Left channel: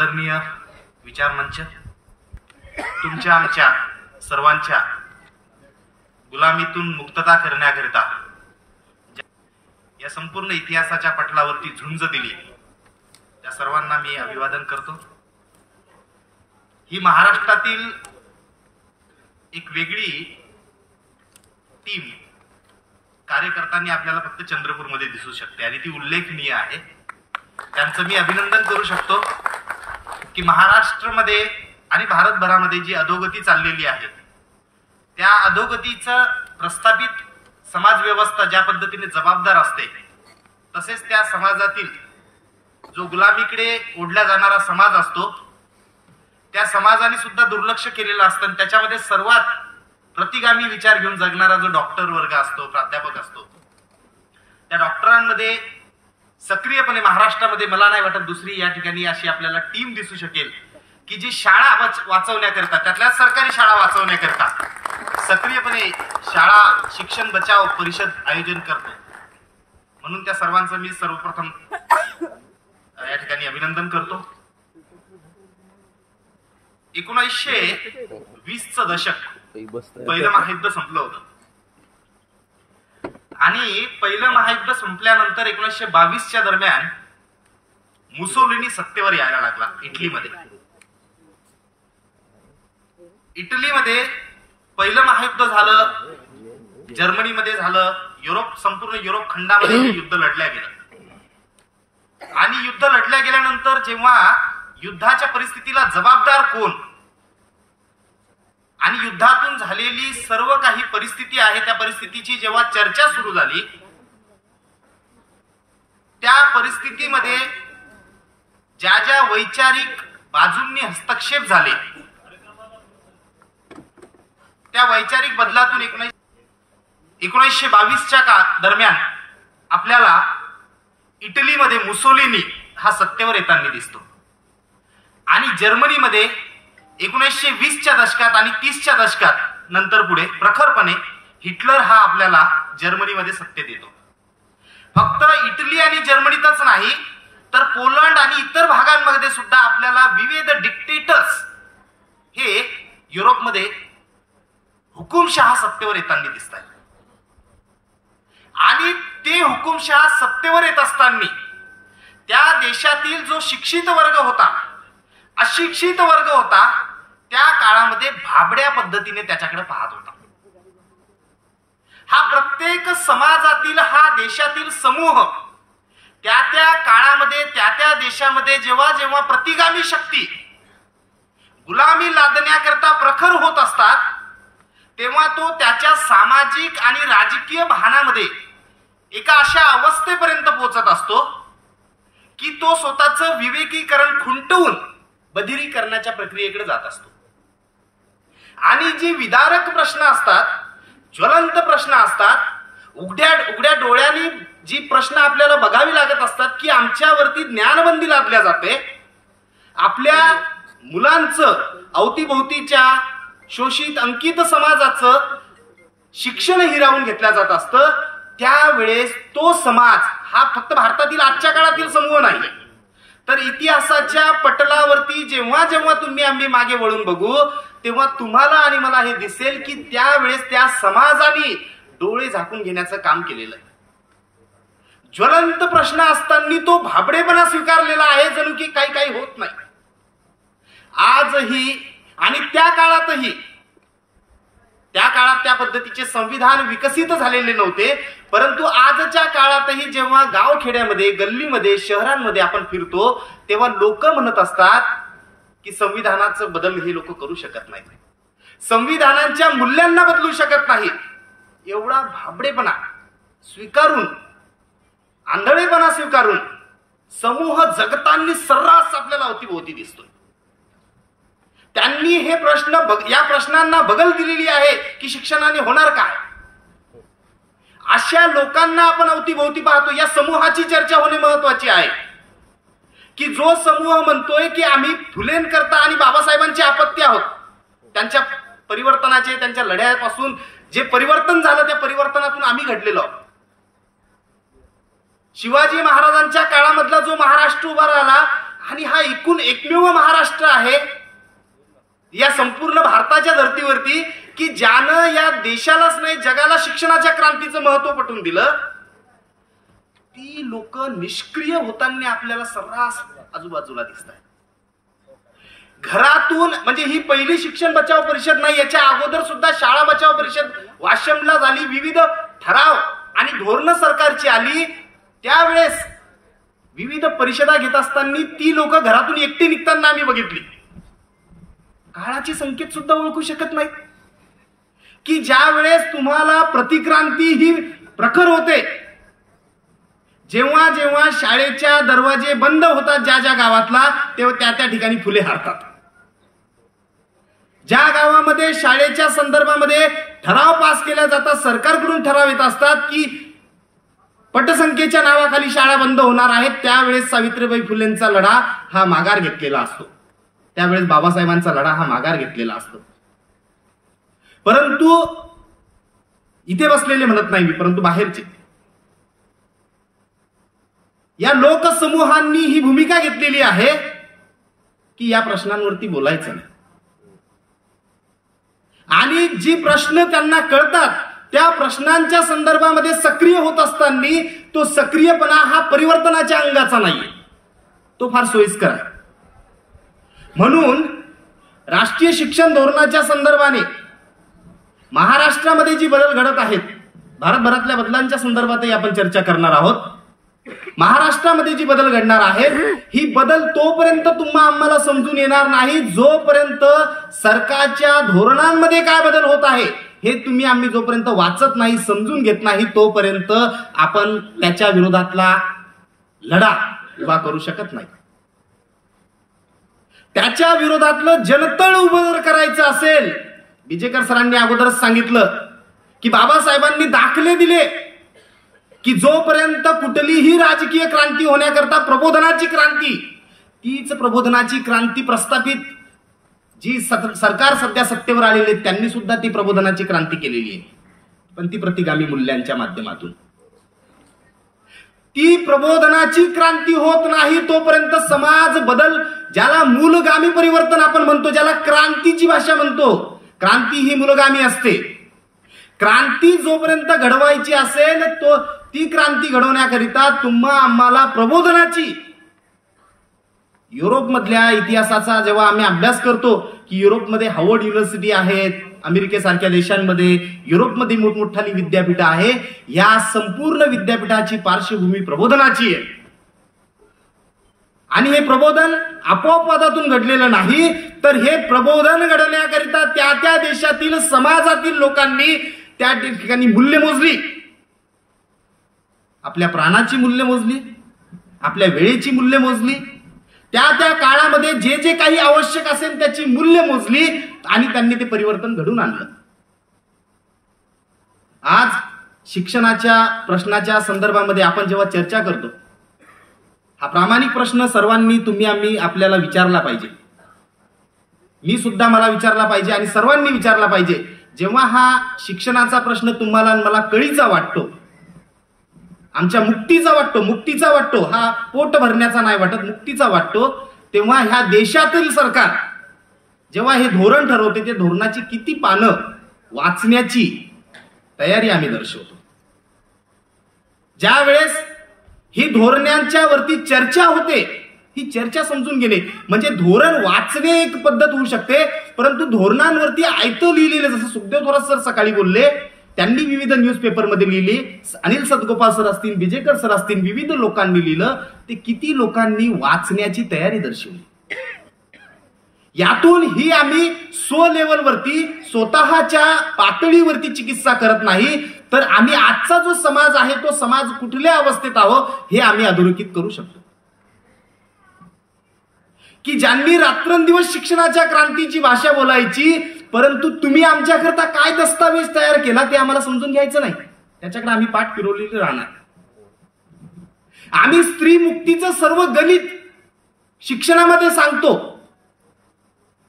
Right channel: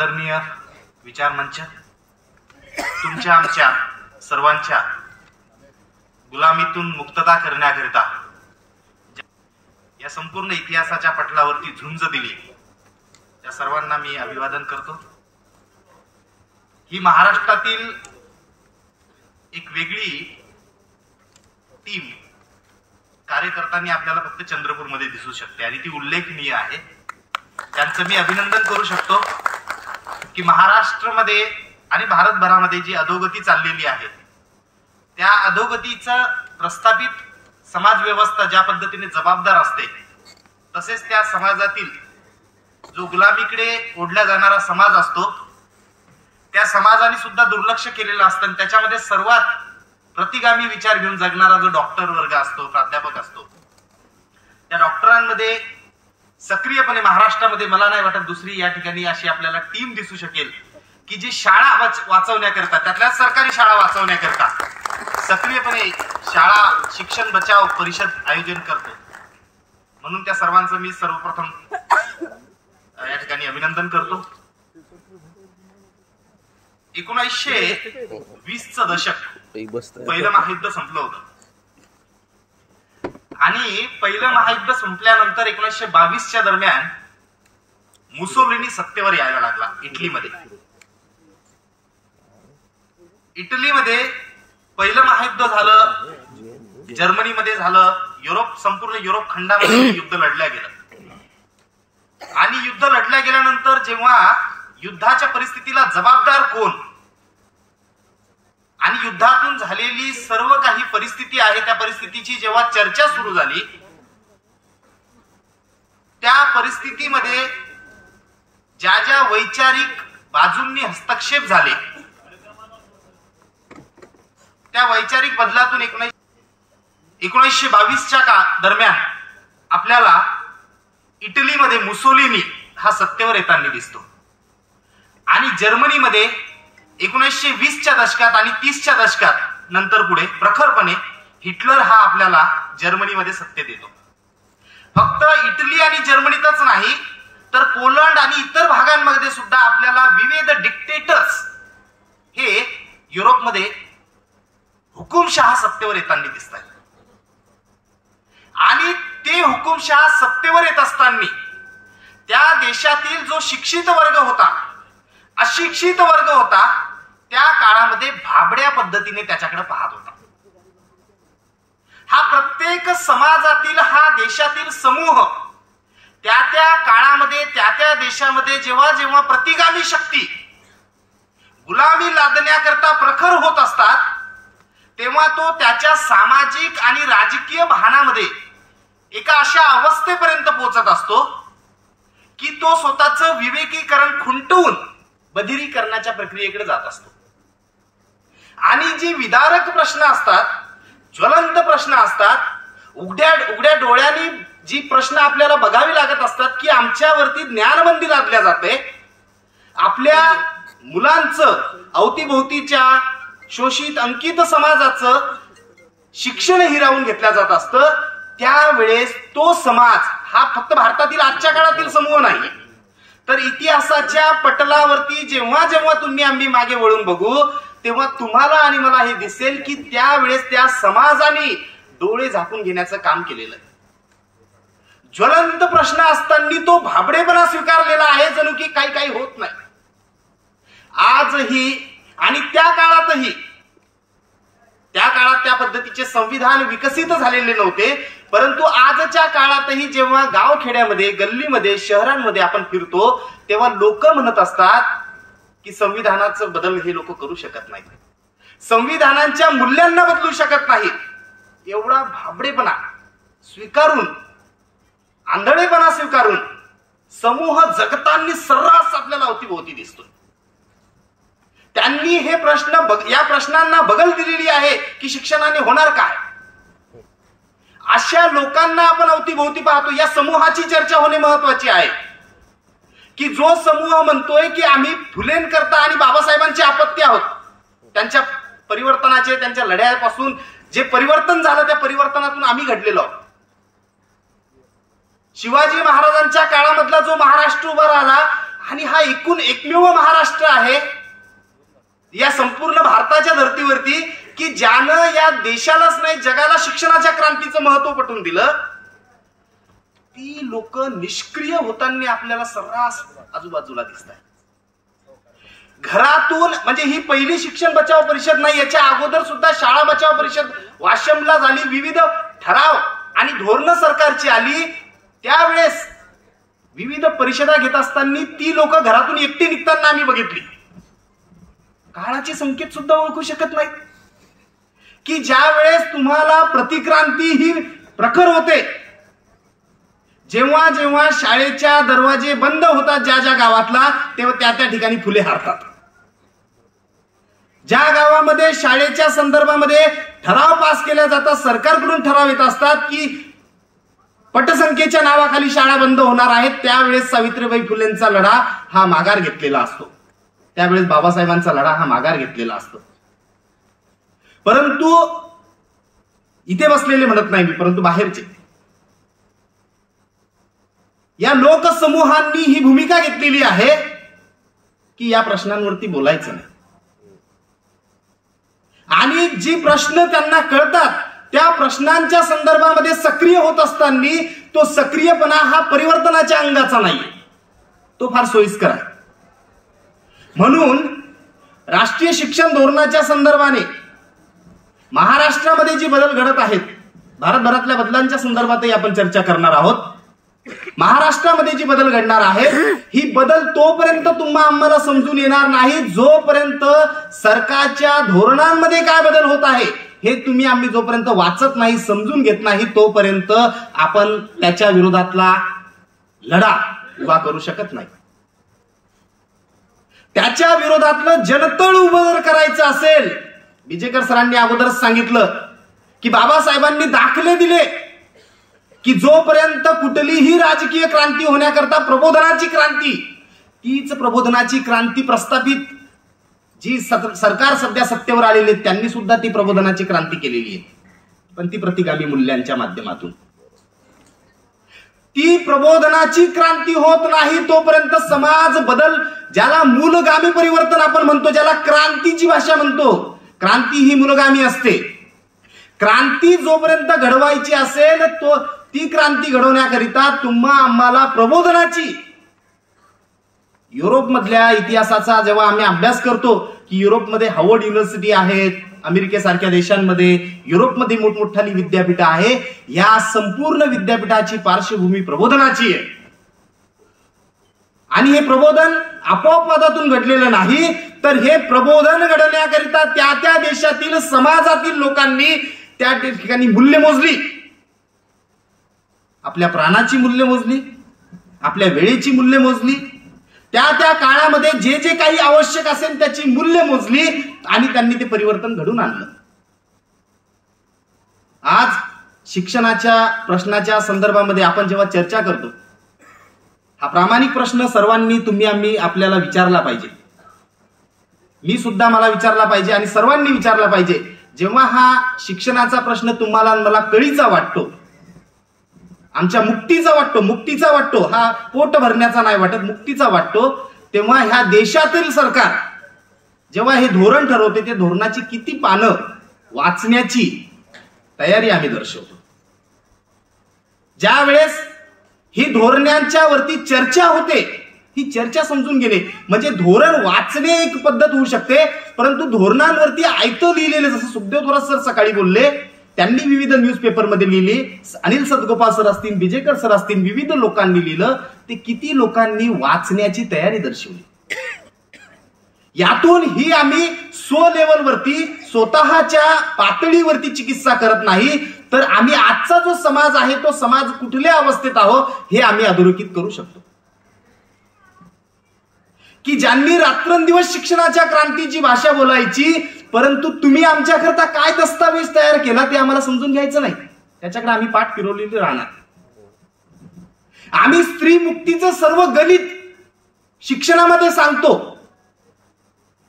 आदरणीय विचारमंच, तुमच्या आमच्या सर्वांच्या गुलामीतून मुक्तता करण्याकरिता या संपूर्ण इतिहासाच्या पटलावरती झुंज दिली त्या सर्वांना मी अभिवादन करतो। ही महाराष्ट्रातील एक वेगळी टीम कार्यकर्त्यांनी आपल्याला फक्त चंद्रपूरमध्ये दिसू शकते आणि ती उल्लेखनीय आहे। त्यांचं मी अभिनंदन करू शकतो की महाराष्ट्रामध्ये आणि भारतभरामध्ये जी अधोगती चाललेली आहे त्या अधोगतीचं प्रस्थापित समाज व्यवस्था ज्या पद्धतीने जबाबदार असते, तसेच त्या समाजातील जो गुलामीकडे ओढला जाणारा समाज असतो त्या समाजाने सुद्धा दुर्लक्ष केलेलं असतं। त्याच्यामध्ये सर्वात प्रतिगामी विचार घेऊन जगणारा जो डॉक्टर वर्ग असतो, प्राध्यापक असतो, त्या डॉक्टरांमध्ये सक्रियपणे महाराष्ट्रामध्ये मला नाही वाटत दुसरी या ठिकाणी अशी आपल्याला टीम दिसू शकेल की जी शाळा वाचवण्याकरता, त्यातल्या सरकारी शाळा वाचवण्याकरता सक्रियपणे शाळा शिक्षण बचाव परिषद आयोजन करतो। म्हणून त्या सर्वांचं मी सर्वप्रथम या ठिकाणी अभिनंदन करतो। 1920चं दशक पहिलं महायुद्ध संपलं होतं आणि पहिलं महायुद्ध संपल्यानंतर 1922च्या दरम्यान मुसोलिनी सत्तेवर यायला लागला इटलीमध्ये। इटलीमध्ये पहिलं महायुद्ध झालं, जर्मनीमध्ये झालं, संपूर्ण युरोप खंडामध्ये युद्ध लढल्या गेलं आणि युद्ध लढल्या गेल्यानंतर जेव्हा युद्धाच्या परिस्थितीला जबाबदार कोण आणि युद्धातून झालेली सर्व काही परिस्थिती आहे त्या परिस्थितीची जेव्हा चर्चा सुरू झाली, त्या परिस्थितीमध्ये ज्या ज्या वैचारिक बाजूंनी हस्तक्षेप झाले त्या वैचारिक बदलातून 1922च्या दरम्यान आपल्याला इटलीमध्ये मुसोलिनी हा सत्तेवर येताना दिसतो आणि जर्मनीमध्ये 1920च्या दशकात आणि 30च्या दशकात नंतर पुढे प्रखरपणे हिटलर हा आपल्याला जर्मनीमध्ये सत्तेत येतो। फक्त इटली आणि जर्मनीतच नाही तर पोलंड आणि इतर भागांमध्ये सुद्धा आपल्याला विविध डिक्टेटर्स हे युरोपमध्ये हुकुमशहा सत्तेवर येताना दिसत आहेत आणि ते हुकुमशहा सत्तेवर येत असताना त्या देशातील जो शिक्षित वर्ग होता, अशिक्षित वर्ग होता, त्या काळामध्ये भाबड्या पद्धतीने त्याच्याकडे पाहत होता। हा प्रत्येक समाजातील हा देशातील समूह त्या त्या काळामध्ये त्या त्या देशामध्ये जेव्हा जेव्हा प्रतिगामी शक्ती गुलामी लादण्याकरता प्रखर होत असतात तेव्हा तो त्याच्या सामाजिक आणि राजकीय भानामध्ये एका अशा अवस्थेपर्यंत पोहोचत असतो की तो स्वतःचं विवेकीकरण खुंटवून बधिरीकरणाच्या प्रक्रियेकडे जात असतो आणि जी विदारक प्रश्न असतात, ज्वलंत प्रश्न असतात, उघड्या डोळ्यांनी जी प्रश्न आपल्याला बघावी लागत असतात की आमच्यावरती ज्ञानबंदी लादल्या जाते, आपल्या मुलांचं अवतीभोवतीच्या शोषित अंकित समाजाचं शिक्षण हिरावून घेतलं जात असतं, त्यावेळेस तो समाज हा फक्त भारतातील आजच्या काळातील समूह नाही तर इतिहासाच्या पटलावरती जेव्हा जेव्हा आम्ही मागे वळून बघू तेव्हा तुम्हाला आणि मला हे दिसेल की त्यावेळेस त्या समाजाने डोळे झाकून घेण्याचं काम केलेलं आहे। ज्वलंत प्रश्न असताना तो भाबडेपणा स्वीकारलेला आहे, जणू की काही होत नाही। आजही आणि त्या काळातही, त्या काळात त्या पद्धतीचे संविधान विकसित झालेले नव्हते, परंतु आजच्या काळातही जेव्हा गावखेड्यामध्ये, गल्लीमध्ये, शहरांमध्ये आपण फिरतो तेव्हा लोक म्हणत असतात की संविधानाचं बदल हे लोक करू शकत नाहीत, संविधानाच्या मूल्यांना बदलू शकत नाहीत। एवढा भाबडेपणा स्वीकारून, आंधळेपणा स्वीकारून समूह जगताना सर्रास आपल्याला अवतीभोवती दिसतो। त्यांनी हे प्रश्न या प्रश्नांना बगल दिलेली आहे की शिक्षणाने होणार काय, अशा लोकांना आपण अवतीभोवती पाहतो। या समूहाची चर्चा होणे महत्वाची आहे की जो समूह म्हणतोय की आम्ही फुलेंकरता आणि बाबासाहेबांचे अपत्य आहोत, त्यांच्या परिवर्तनाचे, त्यांच्या लढ्यापासून जे परिवर्तन झालं त्या परिवर्तनातून आम्ही घडलेलो आहोत। शिवाजी महाराजांच्या काळामधला जो महाराष्ट्र उभा राहिला आणि हा एकमेव महाराष्ट्र आहे या संपूर्ण भारताच्या धर्तीवरती की ज्यानं या देशालाच नाही जगाला शिक्षणाच्या क्रांतीचं महत्व पटवून दिलं. ती लोक निष्क्रिय होताना आपल्याला सर्रास आजूबाजूला दिसतात. घरातून म्हणजे ही पहिली शिक्षण बचाव परिषद नाही, याच्या अगोदर सुद्धा शाळा बचाव परिषद वाशिमला झाली. विविध ठराव आणि धोरणं सरकारची आली. त्यावेळेस विविध परिषदा घेत असताना ती लोक घरातून एकटी निघताना आम्ही बघितली. काळाचे संकेत सुद्धा ओळखू शकत नाहीत की ज्या वेळेस तुम्हाला प्रतिक्रांती ही प्रखर होते, जेव्हा जेव्हा शाळेच्या दरवाजे बंद होतात ज्या ज्या गावातला, तेव्हा त्या ठिकाणी फुले हारतात. ज्या गावामध्ये शाळेच्या संदर्भामध्ये ठराव पास केला जातात, सरकारकडून ठराव येत असतात की पटसंख्येच्या नावाखाली शाळा बंद होणार आहेत, त्यावेळेस सावित्रीबाई फुलेंचा लढा हा माघार घेतलेला असतो. त्यावेळेस बाबासाहेबांचा लढा हा माघार घेतलेला असतो. परंतु इथे बसलेले म्हणत नाही मी, परंतु बाहेरचे या लोकसमूहांनी ही भूमिका घेतलेली आहे की या प्रश्नांवरती बोलायचं नाही. आणि जी प्रश्न त्यांना कळतात त्या प्रश्नांच्या संदर्भामध्ये सक्रिय होत असताना तो सक्रियपणा हा परिवर्तनाच्या अंगाचा नाही, तो फार सोयीस्कर आहे. म्हणून राष्ट्रीय शिक्षण धोरणाच्या संदर्भाने महाराष्ट्रामध्ये जी बदल घडत आहेत, भारतभरातल्या बदलांच्या संदर्भातही आपण चर्चा करणार आहोत. महाराष्ट्रामध्ये जी बदल घडणार आहेत ही बदल तोपर्यंत तुम्हा आम्हाला समजून येणार नाही जोपर्यंत सरकारच्या धोरणांमध्ये काय बदल होत आहे हे आम्ही जोपर्यंत वाचत नाही, समजून घेत नाही, तोपर्यंत आपण त्याच्या विरोधातला लढा उभा करू शकत नाही. त्याच्या विरोधातलं जनतळ उभं जर करायचं असेल, बिजेकर सरांनी अगोदरच सांगितलं की बाबासाहेबांनी दाखले दिले की जोपर्यंत कुठलीही राजकीय क्रांती होण्याकरता प्रबोधनाची क्रांती, तीच प्रबोधनाची क्रांती प्रस्थापित जी सरकार सध्या सत्तेवर आलेली त्यांनी सुद्धा ती प्रबोधनाची क्रांती केलेली आहे, पण ती प्रतिगामी मूल्यांच्या माध्यमातून. ती प्रबोधनाची क्रांती होत नाही तोपर्यंत समाज बदल, ज्याला मूलगामी परिवर्तन आपण म्हणतो, ज्याला क्रांतीची भाषा म्हणतो, क्रांती ही मूलगामी असते. क्रांती जोपर्यंत घडवायची असेल तो ती क्रांती घडवण्याकरिता आम्हाला प्रबोधनाची, युरोपमधल्या इतिहासाचा जेव्हा आम्ही अभ्यास करतो की युरोपमध्ये हार्वर्ड युनिव्हर्सिटी आहेत, अमेरिकेसारख्या देशांमध्ये, युरोपमध्ये मोठमोठाली विद्यापीठ आहे, या संपूर्ण विद्यापीठाची पार्श्वभूमी प्रबोधनाची आहे. आणि हे प्रबोधन आपोआपादातून घडलेलं नाही, तर हे प्रबोधन घडवण्याकरिता त्या देशातील समाजातील लोकांनी त्या ठिकाणी मूल्य मोजली, आपल्या प्राणाची मूल्य मोजली, आपल्या वेळेची मूल्य मोजली, त्या काळामध्ये जे जे काही आवश्यक असेल त्याची मूल्य मोजली आणि त्यांनी ते परिवर्तन घडवून आणलं. आज शिक्षणाच्या प्रश्नाच्या संदर्भामध्ये आपण जेव्हा चर्चा करतो, हा प्रामाणिक प्रश्न सर्वांनी आम्ही आपल्याला विचारला पाहिजे. मी सुद्धा मला विचारला पाहिजे आणि सर्वांनी विचारला पाहिजे. जेव्हा हा शिक्षणाचा प्रश्न तुम्हाला मला कळीचा वाटतो, आमच्या मुक्तीचा वाटतो, हा पोट भरण्याचा नाही वाटत, मुक्तीचा वाटतो, तेव्हा ह्या देशातील सरकार जेव्हा हे धोरण ठरवते, ते धोरणाची किती पानं वाचण्याची तयारी आम्ही दर्शवतो. ज्या वेळेस ही धोरणांच्या वरती चर्चा होते, ही चर्चा समजून घेणे म्हणजे धोरण वाचणे एक पद्धत होऊ शकते, परंतु धोरणांवरती आयतं लिहिलेलं, जसं सुखदेव थोरात सर सकाळी बोलले, त्यांनी विविध न्यूजपेपरमध्ये लिहिली, अनिल सदगोपाल सर असतील, बिजेकर सर असतील, विविध लोकांनी लिहिलं, ते किती लोकांनी वाचण्याची तयारी दर्शवली. यातून ही आम्ही लेवलवरती स्वतःच्या पातळीवरती चिकित्सा करत नाही, तर आम्ही आजचा जो समाज आहे तो समाज कुठल्या अवस्थेत आहोत हे आम्ही अधोरेखित करू शकतो. की ज्यांनी रात्रंदिवस शिक्षणाच्या क्रांतीची भाषा बोलायची, परंतु तुम्ही आमच्याकरता काय दस्तावेज तयार केला ते आम्हाला समजून घ्यायचं नाही, त्याच्याकडे आम्ही पाठ फिरवलेली राहणार. आम्ही स्त्री मुक्तीचं सर्व गणित शिक्षणामध्ये सांगतो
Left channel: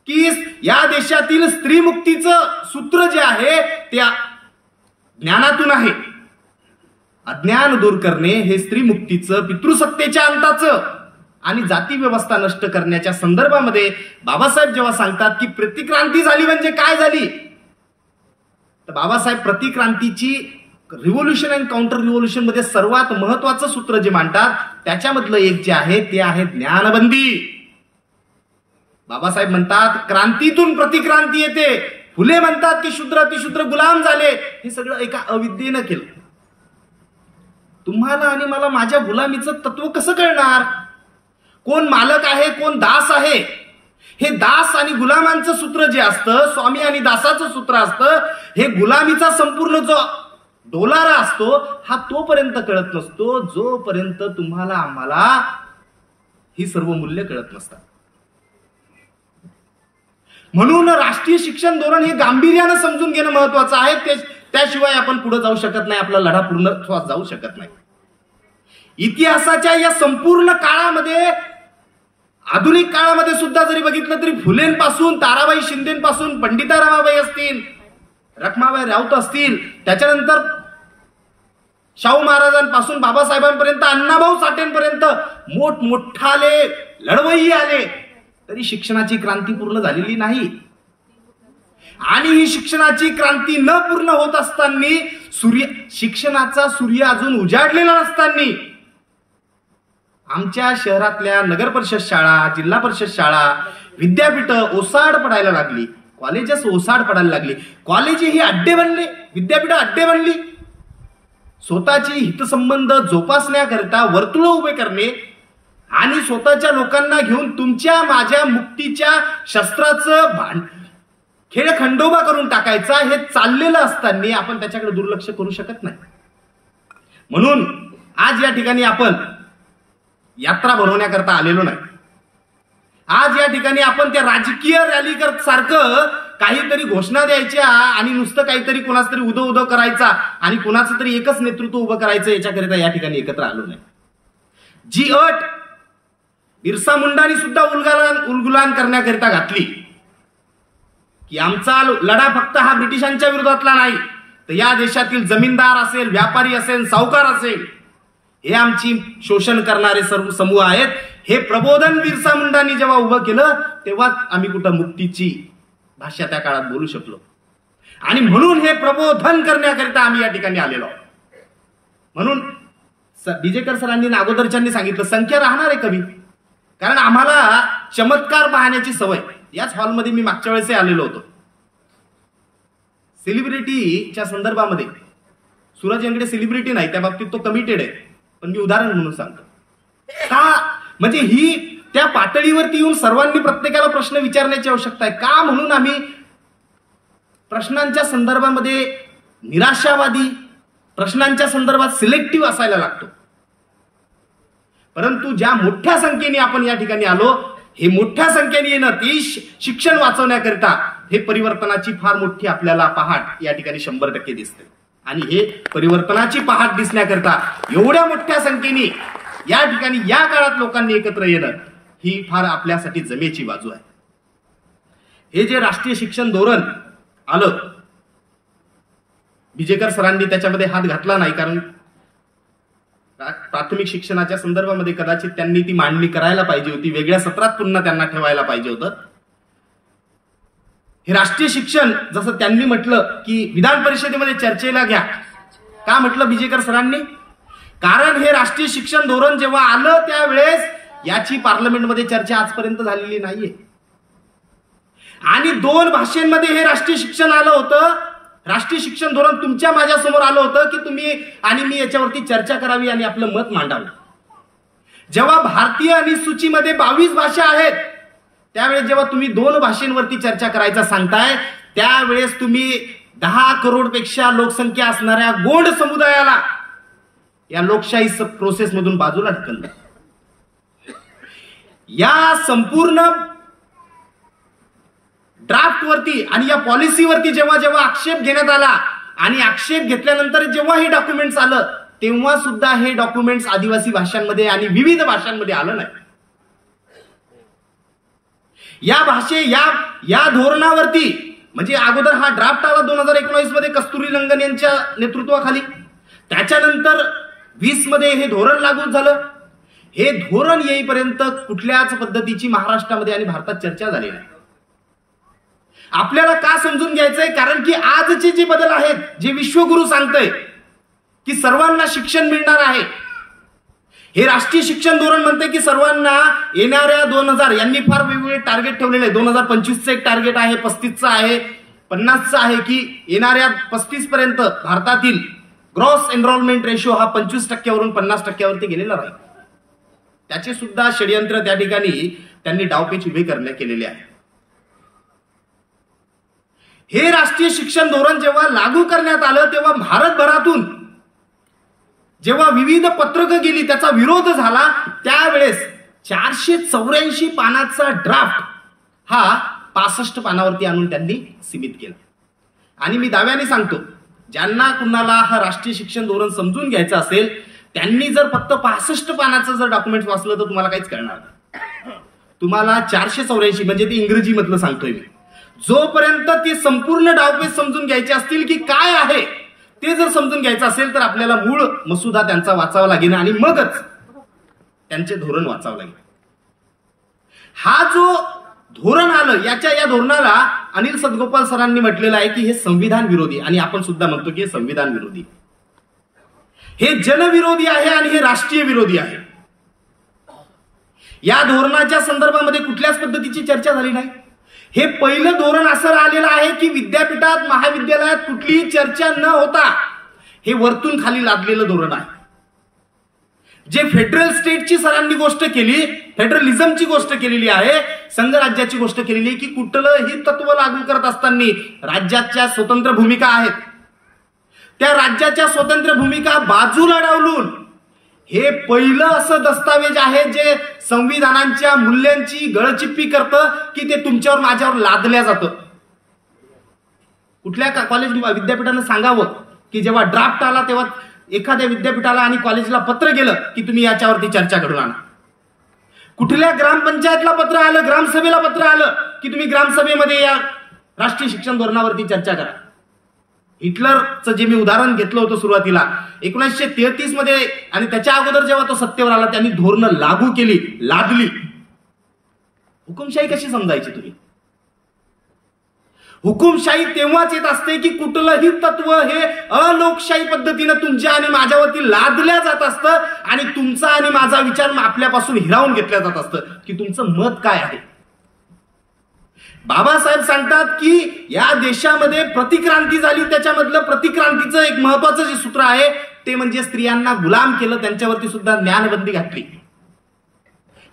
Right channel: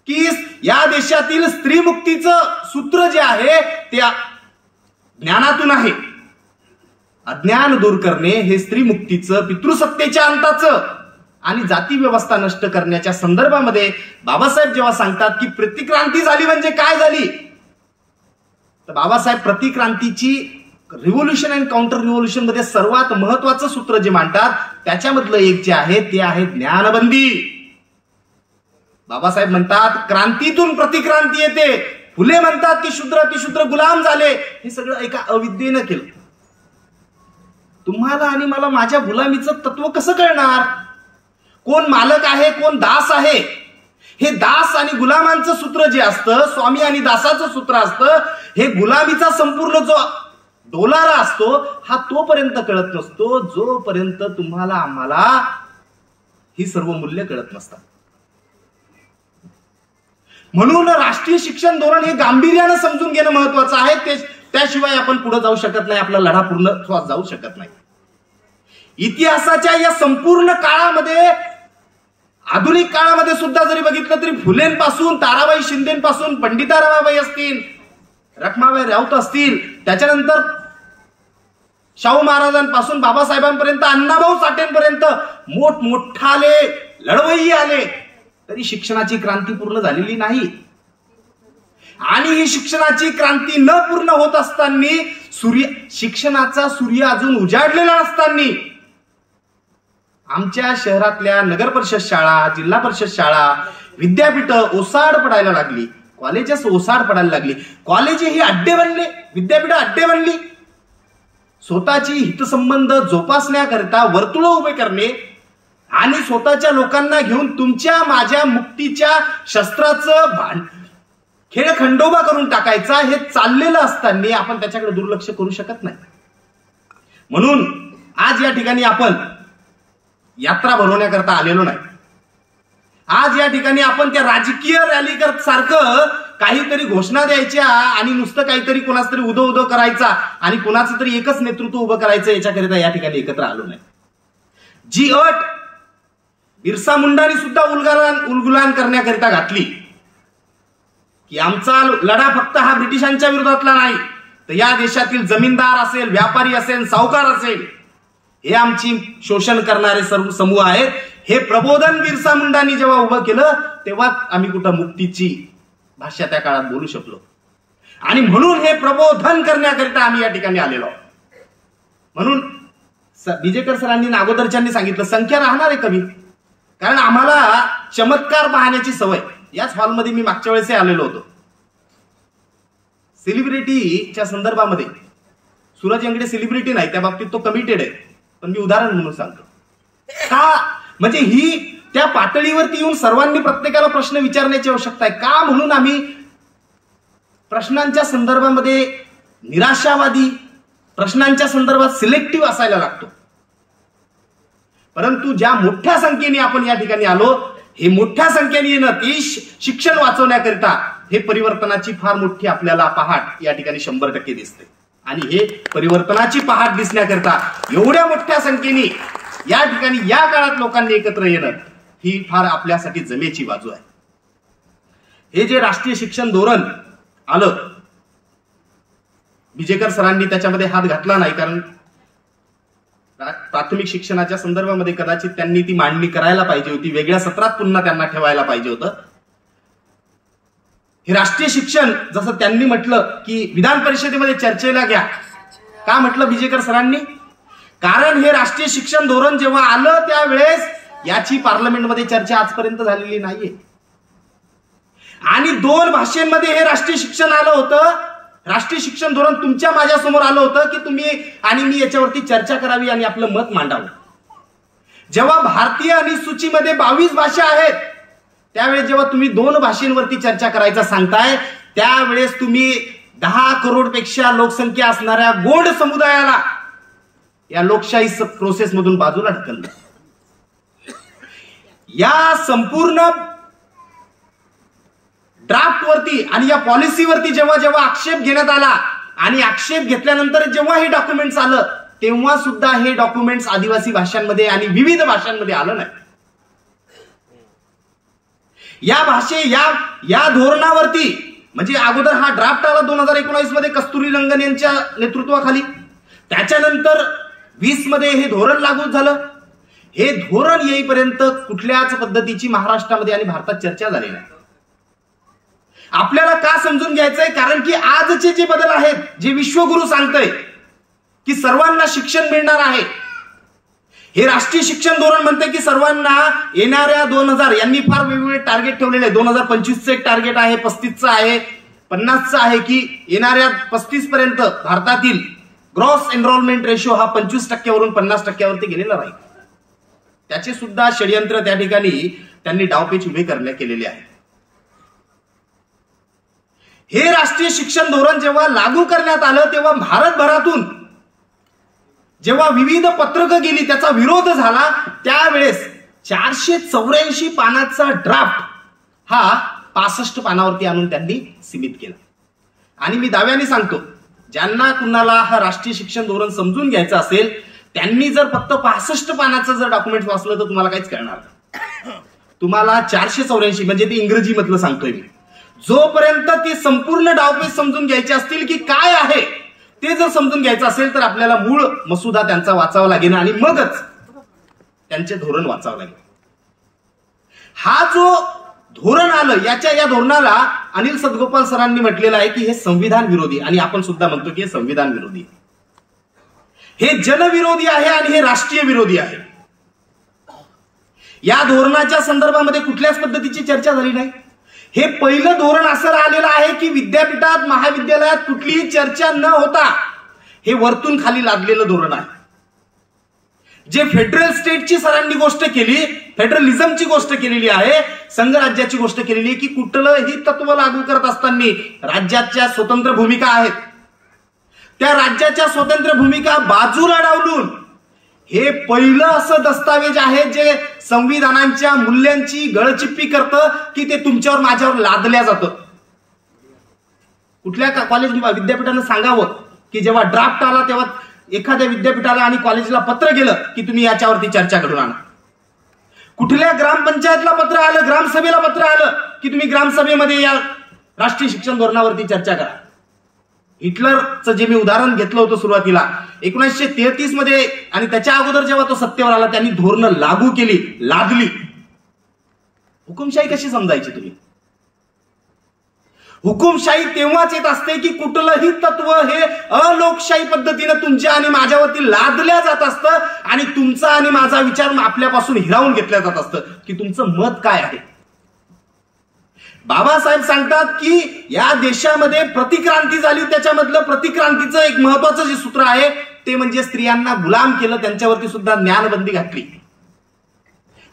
की या देशातील स्त्री मुक्तीचं सूत्र जे आहे ते ज्ञानातून आहे. अज्ञान दूर करणे हे स्त्री मुक्तीचं, पितृसत्तेच्या अंताचं आणि जाती व्यवस्था नष्ट करण्याच्या संदर्भामध्ये बाबासाहेब जेव्हा सांगतात की प्रतिक्रांती झाली म्हणजे काय झाली, तर बाबासाहेब प्रतिक्रांतीची रिव्होल्युशन अँड काउंटर रिव्होल्युशन मध्ये सर्वात महत्वाचं सूत्र जे मांडतात त्याच्यामधलं एक जे आहे ते आहे ज्ञानबंदी. बाबासाहेब म्हणतात क्रांतीतून प्रतिक्रांती येते. फुले म्हणतात की शूद्र अतिशूद्र गुलाम झाले. हे सगळं एका अविद्येनं केलं. तुम्हाला आणि मला माझ्या गुलामीचं तत्व कसं कळणार? कोण मालक आहे कोण दास आहे? हे दास आणि गुलामांचं सूत्र जे असतं, स्वामी आणि दासाचं सूत्र असतं, हे गुलामीचा संपूर्ण जो डोलारा असतो हा तोपर्यंत कळत नसतो जोपर्यंत तुम्हाला आम्हाला ही सर्व मूल्य कळत नसतात. म्हणून राष्ट्रीय शिक्षण धोरण हे गांभीर्यानं समजून घेणं महत्वाचं आहे. त्याशिवाय आपण पुढे जाऊ शकत नाही, आपला लढा पूर्ण जाऊ शकत नाही. इतिहासाच्या या संपूर्ण काळामध्ये, आधुनिक काळामध्ये सुद्धा जरी बघितलं तरी फुलेंपासून ताराबाई शिंदेपासून पंडिता रमाबाई असतील, रखमाबाई राऊत असतील, त्याच्यानंतर शाहू महाराजांपासून बाबासाहेबांपर्यंत, अण्णाभाऊ साठेंपर्यंत मोठमोठाले लढवय्ये आले, तरी शिक्षणाची क्रांती पूर्ण झालेली नाही. आणि ही शिक्षणाची क्रांती न पूर्ण होत असताना, शिक्षणाचा सूर्य अजून उजाडलेला नसताना आमच्या शहरातल्या नगर परिषद शाळा, जिल्हा परिषद शाळा, विद्यापीठ ओसाड पडायला लागली, कॉलेजेस ओसाड पडायला लागली, कॉलेज ही अड्डे बनले, विद्यापीठ अड्डे बनली. स्वतःची हितसंबंध जोपासण्याकरिता वर्तुळ उभे करणे आणि स्वतःच्या लोकांना घेऊन तुमच्या माझ्या मुक्तीच्या शस्त्राचं खेळ खंडोबा करून टाकायचा हे चाललेलं असताना आपण त्याच्याकडे दुर्लक्ष करू शकत नाही. म्हणून आज या ठिकाणी आपण यात्रा भरवण्याकरता आलेलो नाही. आज या ठिकाणी आपण त्या राजकीय रॅली सारखं काहीतरी घोषणा द्यायच्या आणि नुसतं काहीतरी कोणाच तरी उदो उदो करायचा आणि कोणाचं तरी एकच नेतृत्व उभं करायचं याच्याकरिता या ठिकाणी एकत्र आलो नाही. जी अट बिरसा मुंडांनी सुद्धा उलगुलान करण्याकरिता घातली की आमचा लढा फक्त हा ब्रिटिशांच्या विरोधातला नाही, तर या देशातील जमीनदार असेल, व्यापारी असेल, सावकार असेल, हे आमची शोषण करणारे सर्व समूह आहेत. हे प्रबोधन बिरसा मुंडांनी जेव्हा उभं केलं तेव्हा आम्ही कुठं मुक्तीची भाषा त्या काळात बोलू शकलो. आणि म्हणून हे प्रबोधन करण्याकरिता आम्ही या ठिकाणी आलेलो आहोत. म्हणून बिजेकर सरांनी अगोदरच्यांनी सांगितलं संख्या राहणार आहे कमी, कारण आम्हाला चमत्कार पाहण्याची सवय. याच हॉलमध्ये मी मागच्या वेळेस आलेलो होतो. सेलिब्रिटीच्या संदर्भामध्ये सूरज अंगडे सेलिब्रिटी नाही, त्या बाबतीत तो कमिटेड आहे, पण मी उदाहरण म्हणून सांगतो. का म्हणजे ही त्या पातळीवरती येऊन सर्वांनी प्रत्येकाला प्रश्न विचारण्याची आवश्यकता आहे. का म्हणून आम्ही प्रश्नांच्या संदर्भामध्ये निराशावादी, प्रश्नांच्या संदर्भात सिलेक्टिव्ह असायला लागतो. परंतु ज्या मोठ्या संख्येने आपण या ठिकाणी आलो, हे मोठ्या संख्येने येणं ते शिक्षण वाचवण्याकरिता हे परिवर्तनाची फार मोठी आपल्याला पहाट या ठिकाणी 100% दिसते. आणि हे परिवर्तनाची पहाट दिसण्याकरिता एवढ्या मोठ्या संख्येने या ठिकाणी या काळात लोकांनी एकत्र येणं ही फार आपल्यासाठी जमेची बाजू आहे. हे जे राष्ट्रीय शिक्षण धोरण आलं, बिजेकर सरांनी त्याच्यामध्ये हात घातला नाही, कारण प्राथमिक शिक्षणाच्या संदर्भामध्ये कदाचित त्यांनी ती मांडणी करायला पाहिजे होती, वेगळ्या सत्रात पुन्हा त्यांना ठेवायला पाहिजे होतं. हे राष्ट्रीय शिक्षण जसं त्यांनी म्हटलं की विधान परिषदेमध्ये चर्चेला घ्या. का म्हटलं बिजेकर सरांनी? कारण हे राष्ट्रीय शिक्षण धोरण जेव्हा आलं त्यावेळेस याची पार्लमेंटमध्ये चर्चा आजपर्यंत झालेली नाहीये. आणि 2 भाषेमध्ये हे राष्ट्रीय शिक्षण आलं होतं. राष्ट्रीय शिक्षण धोरण तुमच्या माझ्या समोर आलं होतं की तुम्ही आणि मी याच्यावरती चर्चा करावी आणि आपलं मत मांडावं. जेव्हा भारतीय अनुसूचीमध्ये 22 भाषा आहेत, त्यावेळेस जेव्हा तुम्ही 2 भाषांवरती चर्चा करायचा सांगताय, त्यावेळेस तुम्ही 10 करोडपेक्षा लोकसंख्या असणाऱ्या गोंड समुदायाला या लोकशाही प्रोसेस मधून बाजूला ढकललं. या संपूर्ण ड्राफ्ट वरती आणि या पॉलिसीवरती जेव्हा जेव्हा आक्षेप घेण्यात आला आणि आक्षेप घेतल्यानंतर जेव्हा हे डॉक्युमेंट्स आलं, तेव्हा सुद्धा हे डॉक्युमेंट्स आदिवासी भाषांमध्ये आणि विविध भाषांमध्ये आलं नाही. या धोरणावरती म्हणजे अगोदर हा ड्राफ्ट आला 2019 मध्ये कस्तुरीरंगन यांच्या नेतृत्वाखाली, त्याच्यानंतर 20 मध्ये हे धोरण लागू झालं. हे धोरण येईपर्यंत कुठल्याच पद्धतीची महाराष्ट्रामध्ये आणि भारतात चर्चा झाली नाही. आपल्याला का समजून घ्यायचंय? कारण की आजचे जे बदल आहेत, जे विश्वगुरु सांगतय की सर्वांना शिक्षण मिळणार आहे, हे राष्ट्रीय शिक्षण धोरण म्हणते की सर्वांना येणाऱ्या 2000 यांनी फार वेगवेगळे टार्गेट ठेवलेले आहे. 2025चं एक टार्गेट आहे, 35चं आहे, 50चं आहे की येणाऱ्या 35 पर्यंत भारतातील ग्रॉस एनरोलमेंट रेशो हा 25% 50% गेलेला राहील. त्याचे सुद्धा षडयंत्र त्या ठिकाणी त्यांनी डावपेच उभे करण्यात केलेले आहे. हे राष्ट्रीय शिक्षण धोरण जेव्हा लागू करण्यात आलं तेव्हा भारतभरातून जेव्हा विविध पत्रकं गेली, त्याचा विरोध झाला, त्यावेळेस 484 पानाचा ड्राफ्ट हा 65 पानावरती आणून त्यांनी सीमित केला. आणि मी दाव्याने सांगतो, ज्यांना कुणाला हा राष्ट्रीय शिक्षण धोरण समजून घ्यायचं असेल त्यांनी जर फक्त 65 पानाचं जर डॉक्युमेंट वाचलं तर तुम्हाला काहीच कळणार नाही. तुम्हाला 484 म्हणजे ते इंग्रजी मधलं सांगतोय मी, जोपर्यंत ते संपूर्ण डावपेच समजून घ्यायचे असतील की काय आहे ते जर समजून घ्यायचं असेल तर आपल्याला मूळ मसुदा त्यांचा वाचावा लागेल आणि मगच त्यांचे धोरण वाचावं लागेल. हा जो धोरण आलं, या धोरणाला अनिल सदगोपाल सरांनी म्हटलेलं आहे की हे संविधान विरोधी, आणि आपण सुद्धा म्हणतो की हे संविधान विरोधी, हे जनविरोधी आहे आणि हे राष्ट्रीय विरोधी आहे. या धोरणाच्या संदर्भामध्ये कुठल्याच पद्धतीची चर्चा झाली नाही. हे पहिलं धोरण असं आलेलं आहे की विद्यापीठात महाविद्यालयात कुठलीही चर्चा न होता हे वरतून खाली लादलेलं धोरण आहे. जे फेडरल स्टेटची सरांनी गोष्ट केली, फेडरलिझमची गोष्ट केलेली आहे, संघराज्याची गोष्ट केलेली आहे की कुठलंही तत्व लागू करत असताना राज्याच्या स्वतंत्र भूमिका आहेत, त्या राज्याच्या स्वतंत्र भूमिका बाजूला डावलून हे पहिलं असं दस्तावेज आहे जे संविधानाच्या मूल्यांची गळचिप्पी करतं की ते तुमच्यावर माझ्यावर लादल्या जातं. कुठल्या कॉलेज विद्यापीठानं सांगावं की जेव्हा ड्राफ्ट आला तेव्हा एखाद्या विद्यापीठाला आणि कॉलेजला पत्र गेलं की तुम्ही याच्यावरती चर्चा घडून आणा. कुठल्या ग्रामपंचायतला पत्र आलं, ग्रामसभेला पत्र आलं की तुम्ही ग्रामसभेमध्ये या राष्ट्रीय शिक्षण धोरणावरती चर्चा करा. हिटलरचं जे मी उदाहरण घेतलं होतं सुरुवातीला 1933 मध्ये, आणि त्याच्या अगोदर जेव्हा तो सत्तेवर आला त्यांनी धोरणं लागू केली, लादली. हुकुमशाही कशी समजायची तुम्ही? हुकुमशाही तेव्हाच येत असते की कुठलंही तत्व हे अलोकशाही पद्धतीनं तुमच्या आणि माझ्यावरती लादल्या जात असतं आणि तुमचा आणि माझा विचार आपल्यापासून हिरावून घेतला जात असतं की तुमचं मत काय आहे. बाबासाहेब सांगतात की या देशामध्ये प्रतिक्रांती झाली, त्याच्यामधलं प्रतिक्रांतीचं एक महत्वाचं जे सूत्र आहे ते म्हणजे स्त्रियांना गुलाम केलं, त्यांच्यावरती सुद्धा ज्ञानबंदी घातली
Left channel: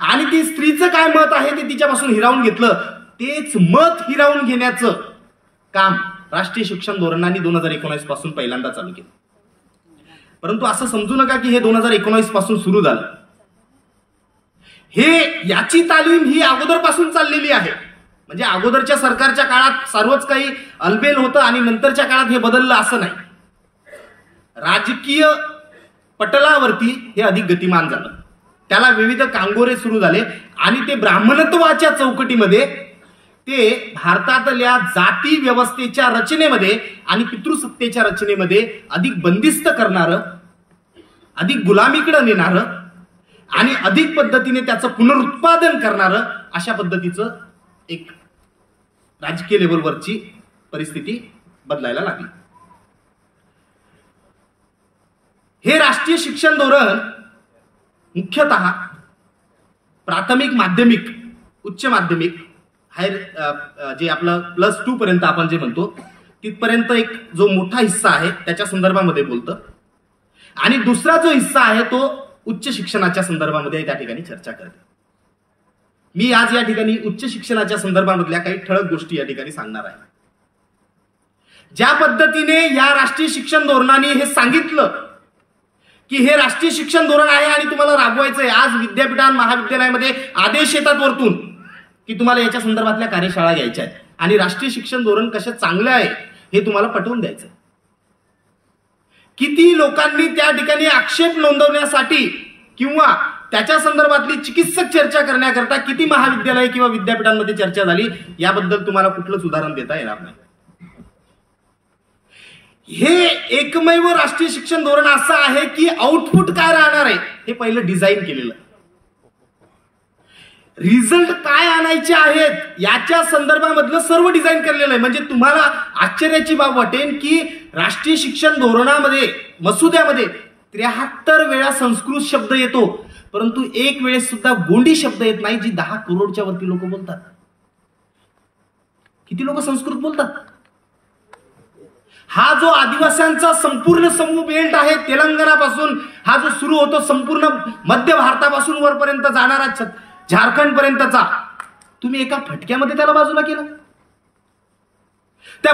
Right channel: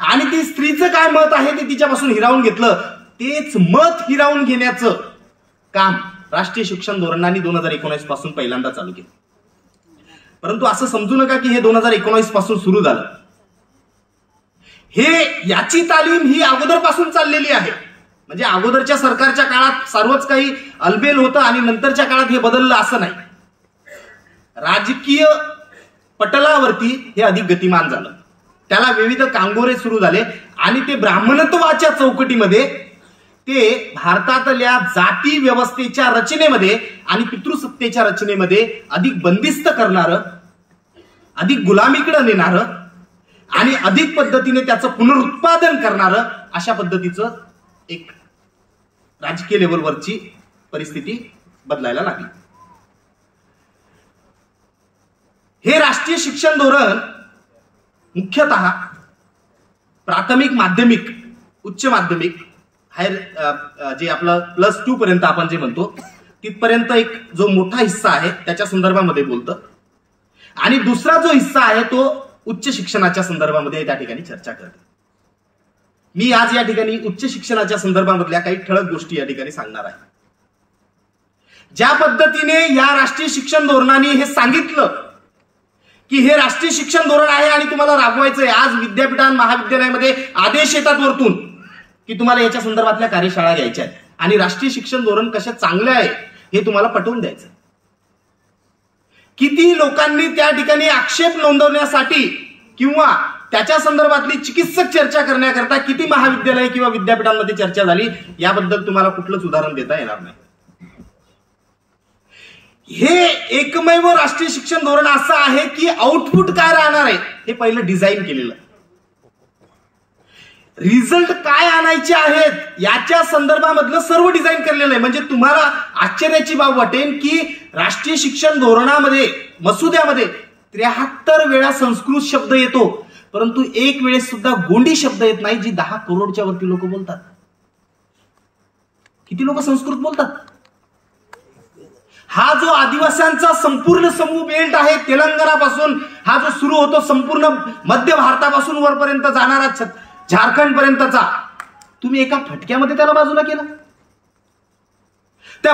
आणि ती स्त्रीचं काय मत आहे ते तिच्यापासून हिरावून घेतलं. तेच मत हिरावून घेण्याचं काम राष्ट्रीय शिक्षण धोरणाने 2019 पासून पहिल्यांदा चालू केलं. परंतु असं समजू नका की हे 2019 पासून सुरू झालं. याची तालीम ही अगोदरपासून चाललेली आहे. म्हणजे अगोदरच्या सरकारच्या काळात सर्वच काही अलबेल होतं आणि नंतरच्या काळात हे बदललं असं नाही. राजकीय पटलावरती हे अधिक गतिमान झालं, त्याला विविध कांगोरे सुरू झाले आणि ते ब्राह्मणत्वाच्या चौकटीमध्ये, ते भारतातल्या जाती व्यवस्थेच्या रचनेमध्ये आणि पितृसत्तेच्या रचनेमध्ये अधिक बंदिस्त करणारं, अधिक गुलामीकडे नेणारं आणि अधिक पद्धतीने त्याचं पुनरुत्पादन करणारं अशा पद्धतीचं एक राजकीय लेवलवरची परिस्थिती बदलायला लागली. हे राष्ट्रीय शिक्षण धोरण मुख्यतः प्राथमिक, माध्यमिक, उच्च माध्यमिक, हायर जे आपलं +2 पर्यंत आपण जे म्हणतो तिथपर्यंत एक जो मोठा हिस्सा आहे त्याच्या संदर्भामध्ये बोलतं आणि दुसरा जो हिस्सा आहे तो उच्च शिक्षणाच्या संदर्भामध्ये त्या ठिकाणी चर्चा करते. मी आज या ठिकाणी उच्च शिक्षणाच्या संदर्भामधल्या काही ठळक गोष्टी या ठिकाणी सांगणार आहे. ज्या पद्धतीने या राष्ट्रीय शिक्षण धोरणाने हे सांगितलं की हे राष्ट्रीय शिक्षण धोरण आहे आणि तुम्हाला राबवायचंय, आज विद्यापीठां महाविद्यालयामध्ये आदेश येतात वरतून की तुम्हाला याच्या संदर्भातल्या कार्यशाळा घ्यायच्या आहेत आणि राष्ट्रीय शिक्षण धोरण कसं चांगलं आहे हे तुम्हाला पटवून द्यायचं. किती लोकांनी त्या ठिकाणी आक्षेप नोंदवण्यासाठी किंवा त्याच्या संदर्भातली चिकित्सक चर्चा करण्याकरता किती महाविद्यालय किंवा विद्यापीठांमध्ये चर्चा झाली याबद्दल तुम्हाला कुठलंच उदाहरण देता येणार नाही. हे एकमेव राष्ट्रीय शिक्षण धोरण असं आहे की आउटपुट काय राहणार आहे हे पहिलं डिझाईन केलेलं. रिझल्ट काय आणायचे आहेत याच्या संदर्भामधलं सर्व डिझाईन केलेलं आहे. म्हणजे तुम्हाला आश्चर्याची बाब वाटेल की राष्ट्रीय शिक्षण धोरणामध्ये मसुद्यामध्ये 73 वेळा संस्कृत शब्द येतो, परंतु एक वेळेस सुद्धा गोंडी शब्द येत नाही, जी 10 करोडच्या वरती लोक बोलतात. किती लोक संस्कृत बोलतात? हा जो आदिवासींचा संपूर्ण समूह बेल्ट आहे, तेलंगणापासून हा जो सुरू होतो संपूर्ण मध्य भारतापासून वरपर्यंत जाणारा झारखंड पर्यंतचा, तुम्ही एका फटक्यामध्ये त्याला बाजूला केलं. त्या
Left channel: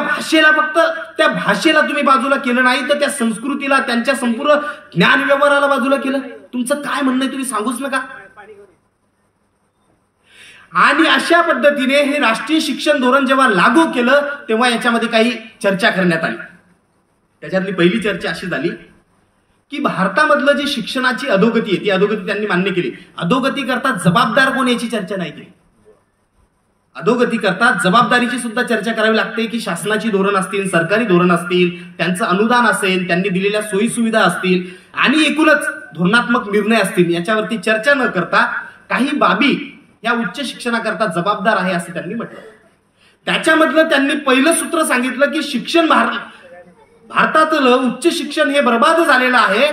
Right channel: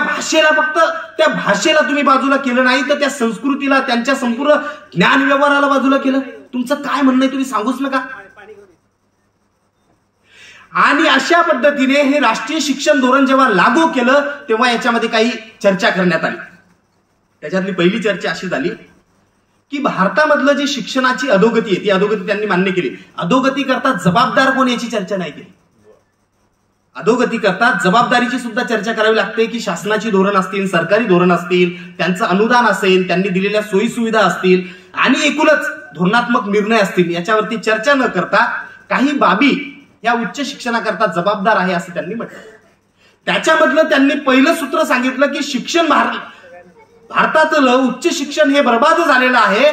भाषेला तुम्ही बाजूला केलं नाही, तर त्या संस्कृतीला, त्यांच्या संपूर्ण ज्ञान व्यवहाराला बाजूला केलं. तुमचं काय म्हणणं आहे तुम्ही सांगूच नका. आणि अशा पद्धतीने हे राष्ट्रीय शिक्षण धोरण जेव्हा लागू केलं तेव्हा याच्यामध्ये काही चर्चा करण्यात आली. त्याच्यातली पहिली चर्चा अशी झाली की भारतामधलं जे शिक्षणाची अधोगती आहे ती अधोगती त्यांनी मान्य केली. अधोगती करता जबाबदार कोण याची चर्चा नाही केली. अधोगती करता जबाबदारीची सुद्धा चर्चा करावी लागते की शासनाची धोरण असतील, सरकारी धोरण असतील, त्यांचं अनुदान असेल, त्यांनी दिलेल्या सोयी सुविधा असतील आणि एकूणच धोरणात्मक निर्णय असतील, याच्यावरती चर्चा न करता काही बाबी या उच्च शिक्षणाकरता जबाबदार आहे असं त्यांनी म्हटलं. त्याच्यामधलं त्यांनी पहिलं सूत्र सांगितलं की शिक्षण भारतातलं उच्च शिक्षण हे बर्बाद झालेलं आहे,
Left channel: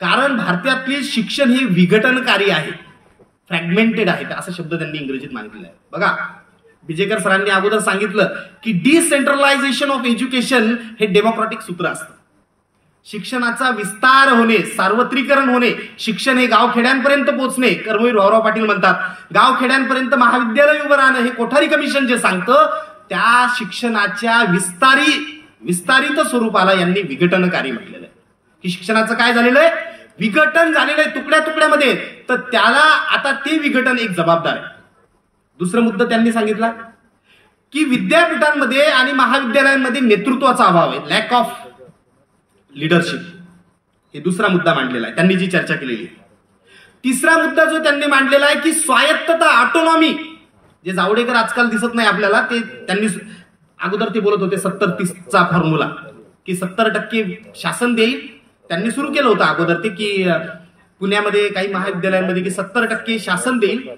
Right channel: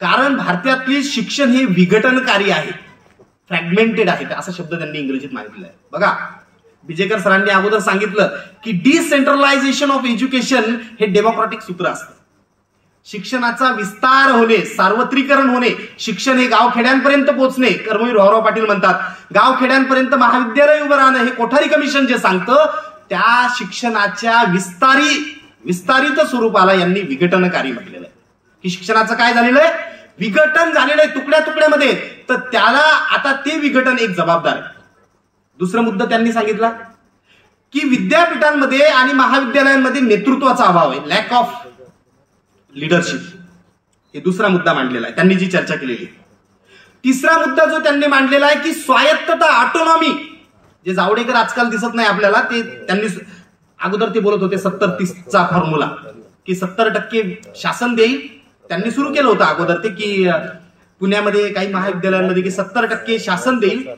कारण भारतातले शिक्षण हे विघटनकारी आहे, फ्रॅगमेंटेड आहे, असा शब्द त्यांनी इंग्रजीत मागितला आहे. बघा, बिजेकर सरांनी अगोदर सांगितलं की डिसेंट्रलायझेशन ऑफ एज्युकेशन हे डेमोक्रॅटिक सूत्र असतं. शिक्षणाचा विस्तार होणे, सार्वत्रिकरण होणे, शिक्षण हे गावखेड्यांपर्यंत पोहोचणे. कर्मवीर भाऊराव पाटील म्हणतात गावखेड्यांपर्यंत महाविद्यालय उभं राहणं हे कोठारी कमिशन जे सांगतं, त्या शिक्षणाच्या विस्तारित स्वरूपाला यांनी विघटनकारी म्हटलेलं आहे. की शिक्षणाचं काय झालेलं आहे? विघटन झालेलं आहे तुकड्या तुकड्यामध्ये. तर त्याला आता ते विघटन एक जबाबदार आहे. दुसरा मुद्दा त्यांनी सांगितला की विद्यापीठांमध्ये आणि महाविद्यालयांमध्ये नेतृत्वाचा अभाव आहे, लॅक ऑफ लीडरशिप. हे दुसरा मुद्दा मांडलेला आहे त्यांनी जी चर्चा केलेली. तिसरा मुद्दा जो त्यांनी मांडलेला आहे की स्वायत्तता, ऑटोनॉमी, जे जावडेकर आजकाल दिसत नाही आपल्याला, ते त्यांनी अगोदर ते बोलत होते 70-30चा फॉर्म्युला, की 70% शासन देईल. त्यांनी सुरू केलं होतं अगोदर ते की पुण्यामध्ये काही महाविद्यालयांमध्ये की 70% शासन देईल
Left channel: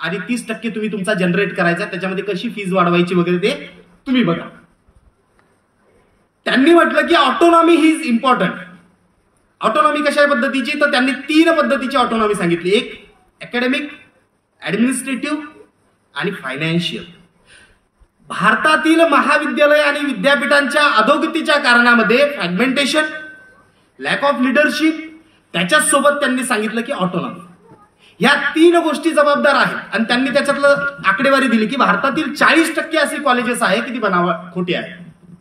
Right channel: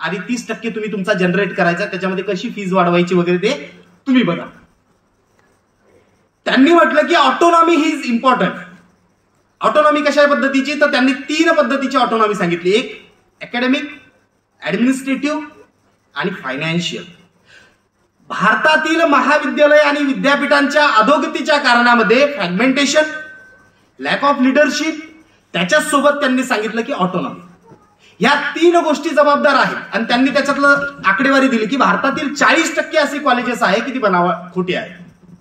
आणि 30% तुम्ही तुमचा जनरेट करायचा, त्याच्यामध्ये कशी फीज वाढवायची वगैरे ते तुम्ही बघा. त्यांनी म्हटलं की autonomy he is important. Autonomy कशा पद्धतीची? तर त्यांनी 3 पद्धतीची ऑटोनॉमी सांगितली. एक अकॅडमिक, ऍडमिनिस्ट्रेटिव्ह आणि फायनान्शियल. भारतातील महाविद्यालय आणि विद्यापीठांच्या अधोगतीच्या कारणामध्ये फ्रॅगमेंटेशन, लॅक ऑफ लीडरशिप, त्याच्याच सोबत त्यांनी सांगितलं की ऑटोनॉमी. या 3 गोष्टी जबाबदार आहेत. आणि त्यांनी त्याच्यातलं आकडेवारी दिली की भारतातील 40% असे कॉलेजेस आहे की ती खोटी आहे,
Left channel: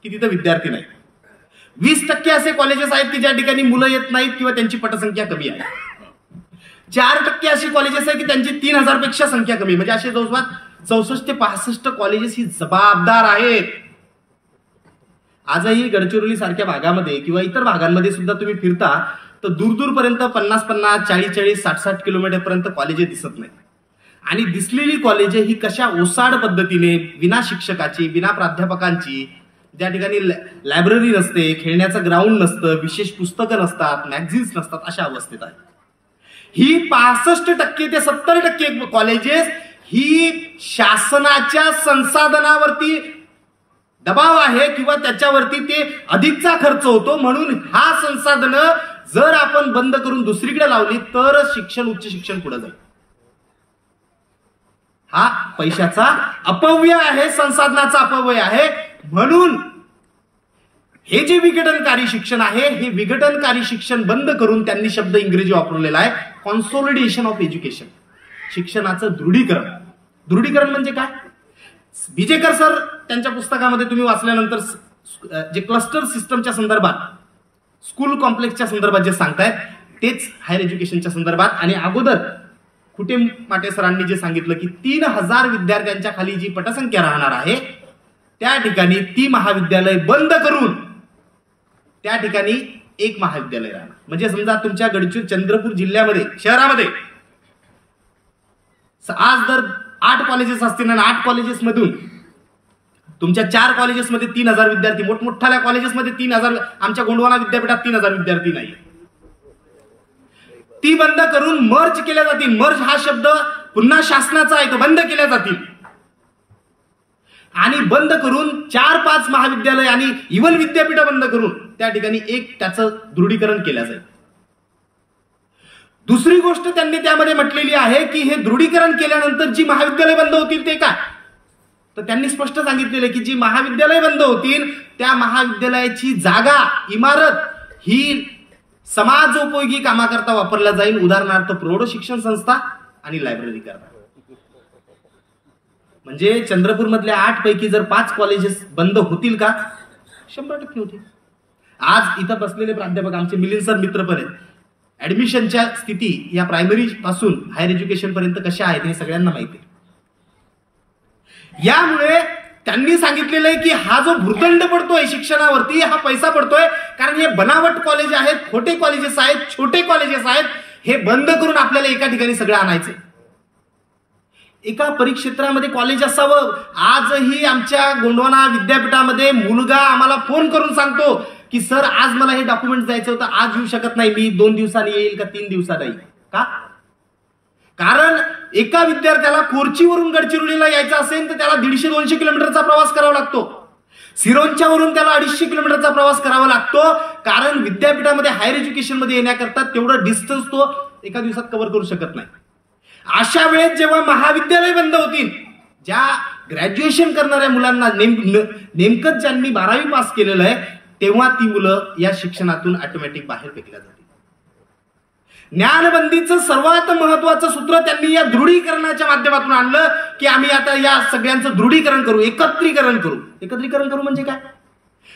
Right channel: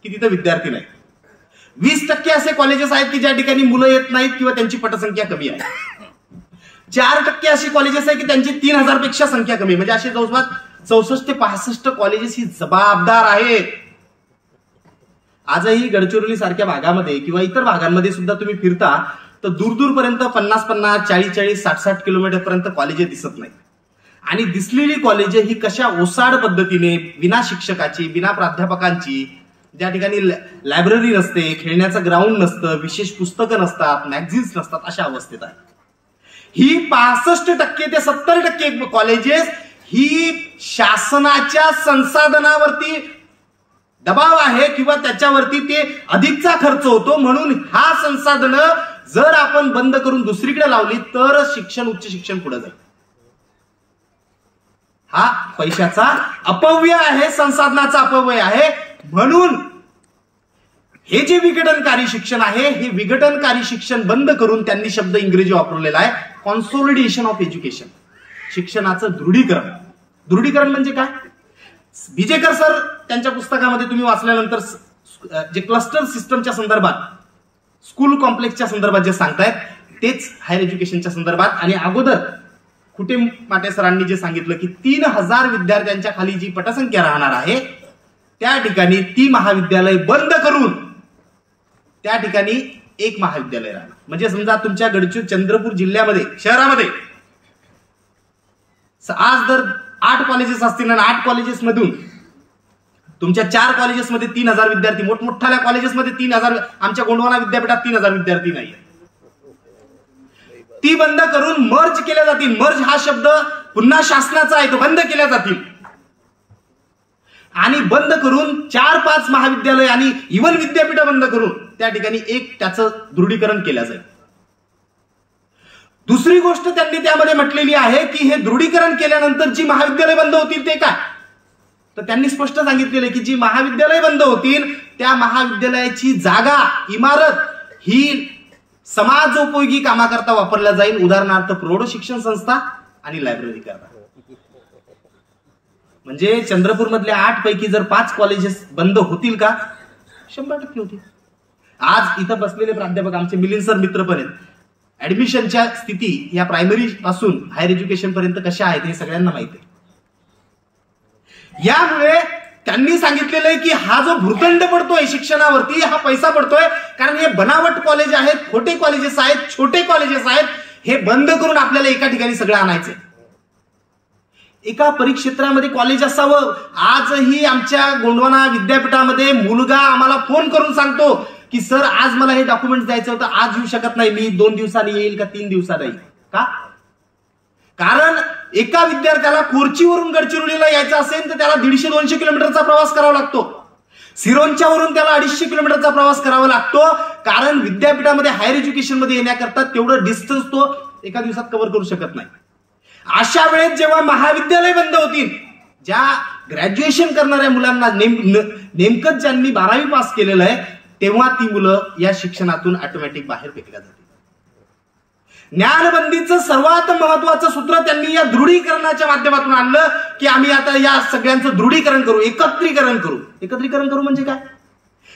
की तिथे विद्यार्थी नाही. 20% असे कॉलेजेस आहेत की ज्या ठिकाणी मुलं येत नाहीत किंवा त्यांची पटसंख्या कमी आहे. 4% अशी कॉलेजेस आहे की त्यांची 3000 पेक्षा संख्या कमी, म्हणजे असे जवळपास 64 ते 65 कॉलेजेस ही जबाबदार आहेत. आजही गडचिरोली सारख्या भागामध्ये किंवा इतर भागांमध्ये सुद्धा तुम्ही फिरता तर दूरपर्यंत 50-50, 40-40, 60-60 किलोमीटर पर्यंत कॉलेजे दिसत नाहीत. आणि दिसलेली कॉलेजे ही कशा ओसाड पद्धतीने, विना शिक्षकाची, विना प्राध्यापकांची, ज्या ठिकाणी लायब्ररी नसते, खेळण्याचं ग्राउंड नसतं, विशेष पुस्तकं नसतात, मॅगझिन्स नसतात, अशा अवस्थेत आहे. ही 65% ते 70% कॉलेजेस ही शासनाच्या संसाधनावरती दबाव आहे किंवा त्याच्यावरती ते अधिकचा खर्च होतो. म्हणून हा संसाधन जर आपण बंद करून दुसरीकडे लावली तर शिक्षण, उच्च शिक्षण पुढे जाईल. हा पैशाचा अपव्यय आहे, संसाधनाचा अपव्यय आहे. म्हणून हे जे विघटनकारी शिक्षण आहे, हे विघटनकारी शिक्षण बंद करून त्यांनी शब्द इंग्रजी वापरलेला आहे, कॉन्सोलिडेशन ऑफ एज्युकेशन. शिक्षणाचं दृढीकरण. दृढीकरण म्हणजे काय? बिजेकर सर त्यांच्या पुस्तकामध्ये तुम्ही वाचल्यानंतर जे क्लस्टर सिस्टमच्या संदर्भात, स्कूल कॉम्प्लेक्सच्या संदर्भात जे सांगतायत तेच हायर एज्युकेशनच्या संदर्भात. आणि अगोदर कुटे माटे सरांनी जे सांगितलं की 3000 विद्यार्थ्यांच्या खाली जी पटसंख्या राहणार आहे त्या ठिकाणी ती महाविद्यालय बंद करून त्या ठिकाणी एक महाविद्यालय राहणार. म्हणजे समजा तुमच्या गडचिरोली, चंद्रपूर जिल्ह्यामध्ये, शहरामध्ये आज जर 8 कॉलेजेस असतील आणि 8 कॉलेजेस मधून तुमच्या 4 कॉलेजेसमध्ये 3000 विद्यार्थी, मोठमोठ्या कॉलेजेसमध्ये 3000, आमच्या गोंडवाना विद्यापीठात 3000 विद्यार्थी नाही, ती बंद करून मर्ज केल्या जातील. मर्ज हा शब्द पुन्हा शासनाचा आहे तो बंद केल्या जातील आणि बंद करून 4-5 महाविद्यालय आणि इव्हन विद्यापीठ बंद करून त्या ठिकाणी एक त्याचं दृढीकरण केलं जाईल. दुसरी गोष्ट त्यांनी त्यामध्ये म्हटलेली आहे की हे दृढीकरण केल्यानंतर जी महाविद्यालय बंद होतील ते काय, तर त्यांनी स्पष्ट सांगितलेलं की जी महाविद्यालय बंद होतील त्या महाविद्यालयाची जागा इमारत ही समाजोपयोगी कामाकरता वापरला जाईल. उदाहरणार्थ प्रौढ शिक्षण संस्था आणि लायब्ररी करता. म्हणजे चंद्रपूर मधल्या 8 पैकी जर 5 कॉलेजेस बंद होतील का, 100% होतील. आज इथं बसलेले प्राध्यापक आमचे मिलिंद सर मित्र पण आहेत. ऍडमिशनच्या स्थिती या प्रायमरी पासून हायर एज्युकेशन पर्यंत कशा आहेत हे सगळ्यांना माहिती आहे. यामुळे त्यांनी सांगितलेलं आहे की हा जो भूर्दंड पडतोय शिक्षणावरती, हा पैसा पडतोय कारण हे बनावट कॉलेज आहेत, खोटे कॉलेजेस आहेत, छोटे कॉलेजेस आहेत, हे बंद करून आपल्याला एका ठिकाणी सगळं आणायचंय. एका परिक्षेत्रामध्ये कॉलेज असावं. आजही आमच्या गोंडवाना विद्यापीठामध्ये मुलगा आम्हाला फोन करून सांगतो की सर आज मला हे डॉक्युमेंट द्यायचं होतं, आज येऊ शकत नाही, मी 2 दिवसांनी येईल का 3 दिवसात येईल. का? कारण एका विद्यार्थ्याला कोरचीवरून गडचिरोलीला यायचं असेल तर त्याला 150-200 किलोमीटरचा प्रवास करावा लागतो. सिरोंच्या वरून त्याला 250 किलोमीटरचा प्रवास करावा लागतो. कारण विद्यापीठामध्ये हायर एज्युकेशन मध्ये येण्याकरता तेवढं डिस्टन्स तो एका दिवसात कव्हर करू शकत नाही. अशा वेळेस जेव्हा महाविद्यालय बंद होतील, ज्या ग्रॅज्युएशन करणाऱ्या मुलांना नेमकंच ज्यांनी 12वी पास केलेलं आहे तेव्हा ती मुलं या शिक्षणातून ऑटोमॅटिक बाहेर फेकल्या जातील. ज्ञानबंदीचं सर्वात महत्वाचं सूत्र त्यांनी या दृढीकरणाच्या माध्यमातून आणलं की आम्ही आता या सगळ्यांचं दृढीकरण करू, एकत्रीकरण करू. एकत्रीकरण करू म्हणजे काय?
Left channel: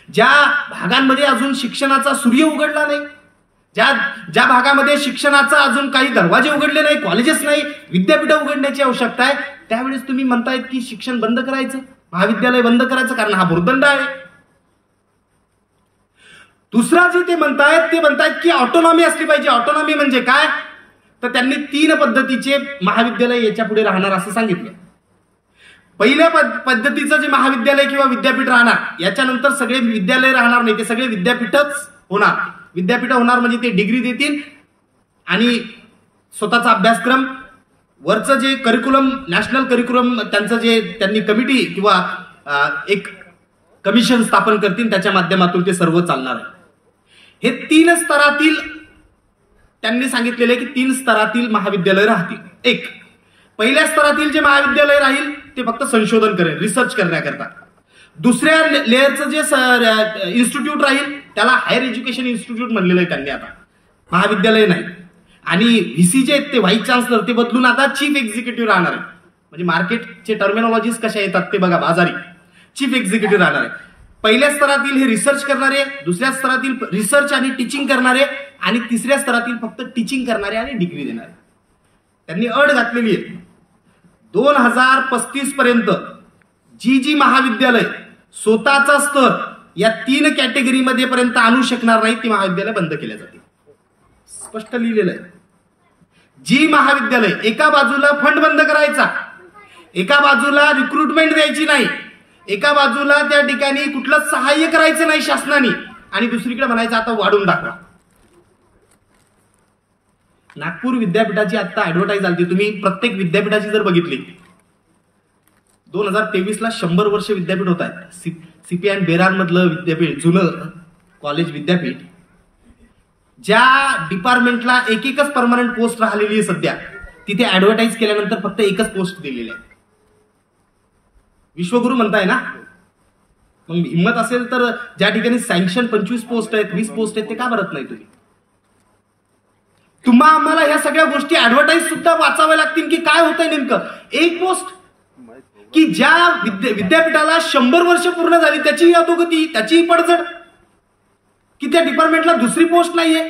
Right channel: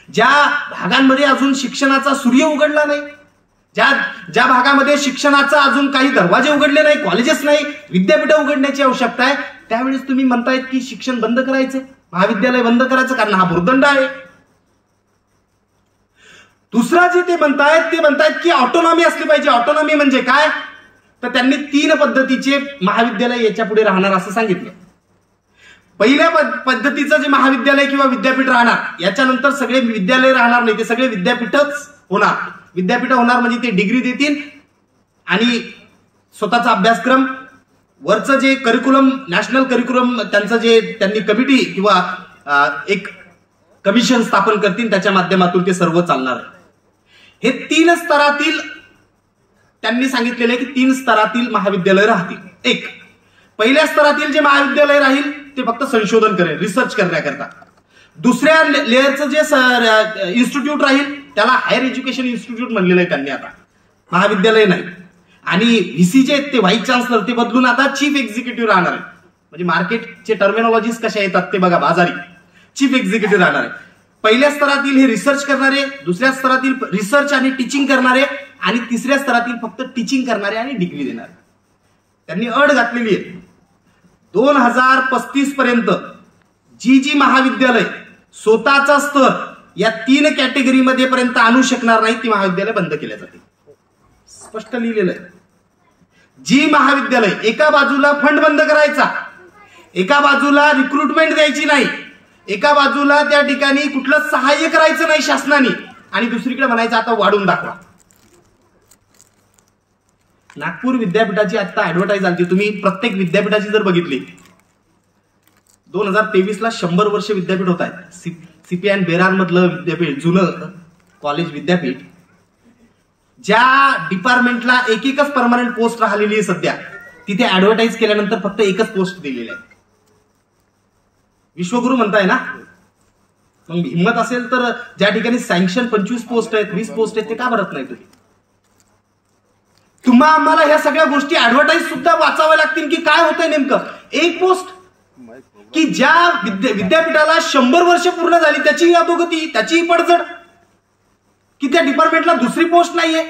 ज्या भागांमध्ये अजून शिक्षणाचा सूर्य उघडला नाही, ज्या भागामध्ये शिक्षणाचा अजून काही दरवाजे उघडले नाही, कॉलेजेस नाही, विद्यापीठ उघडण्याची आवश्यकता आहे, त्यावेळेस तुम्ही म्हणतायत की शिक्षण बंद करायचं, महाविद्यालय बंद करायचं कारण हा भूर्दंड आहे. दुसरा जे ते म्हणतायत की ऑटोनॉमी असली पाहिजे. ऑटोनॉमी म्हणजे काय, तर त्यांनी 3 पद्धतीचे महाविद्यालय याच्या पुढे राहणार असं सांगितलं. पहिल्या पद्धतीचं जे महाविद्यालय किंवा विद्यापीठ राहणार, याच्यानंतर सगळे विद्यालय राहणार नाही, ते सगळे विद्यापीठच होणार. विद्यापीठ होणार म्हणजे ते डिग्री देतील आणि स्वतःचा अभ्यासक्रम, वरचं जे करिक्युलम, नॅशनल करिक्युलम, त्यांचं जे त्यांनी कमिटी किंवा एक कमिशन स्थापन करतील, त्याच्या माध्यमातून ते सर्व चालणार आहे. हे 3 स्तरातील त्यांनी सांगितलेले की 3 स्तरातील महाविद्यालय राहतील. एक पहिल्या स्तरातील जे महाविद्यालय राहील ते फक्त संशोधन करेल, रिसर्च करण्याकरता. दुसऱ्या लेअरचं जे इन्स्टिट्यूट राहील त्याला हायर एज्युकेशन इन्स्टिट्यूट म्हणलेलं आहे त्यांनी, आता महाविद्यालय नाही. आणि व्हीसी जे आहेत ते व्हाईस चान्सलर ते बदलून आता चीफ एक्झिक्युटिव्ह राहणार आहे. म्हणजे मार्केटचे टर्मिनॉलॉजीज कशा येतात ते बघा, बाजारी चीफ एक्झिक्युटिव्ह राहणार आहे. पहिल्या स्तरातील हे रिसर्च करणारे, दुसऱ्या स्तरातील रिसर्च आणि टीचिंग करणारे, आणि तिसऱ्या स्तरातील फक्त टीचिंग करणारे आणि डिग्री देणारे. त्यांनी अट घातलेली आहे 2035 पर्यंत जी महाविद्यालय स्वतःचा स्तर या 3 कॅटेगरीमध्ये पर्यंत आणू शकणार नाही ती महाविद्यालय बंद केल्या जातील. स्पष्ट लिहिलेलं आहे. जी महाविद्यालय एका बाजूला फंड बंद करायचा, एका बाजूला रिक्रुटमेंट द्यायची नाही, एका बाजूला त्या ठिकाणी कुठलं सहाय्य करायचं नाही शासनाने, आणि दुसरीकडे म्हणायचं आता वाढून दाखवा. नागपूर विद्यापीठाची आता ऍडव्हर्टाईज आली, तुम्ही प्रत्येक विद्यापीठाची जर बघितली 2023 ला 100 वर्ष विद्यापीठ होत आहेत. सीपीआय बेरार मधलं विद्यापीठ, जुनं कॉलेज विद्यापीठ, ज्या डिपार्टमेंटला एकच परमनंट पोस्ट राहिलेली आहे सध्या, तिथे ऍडव्हर्टाईज केल्यानंतर फक्त एकच पोस्ट दिलेली आहे. विश्वगुरु म्हणताय ना, मग हिंमत असेल तर ज्या ठिकाणी सँक्शन 25 पोस्ट आहेत, 20 पोस्ट आहेत, ते का भरत नाही तुम्ही? तुम्हा आम्हाला या सगळ्या गोष्टी ऍडव्हर्टाईज सुद्धा वाचाव्या लागतील की काय होतंय नेमकं. एक पोस्ट की ज्या विद्यापीठाला 100 वर्ष पूर्ण झाली त्याचीही अधोगती, त्याचीही पडझड, की त्या डिपार्टमेंटला दुसरी पोस्ट नाहीये.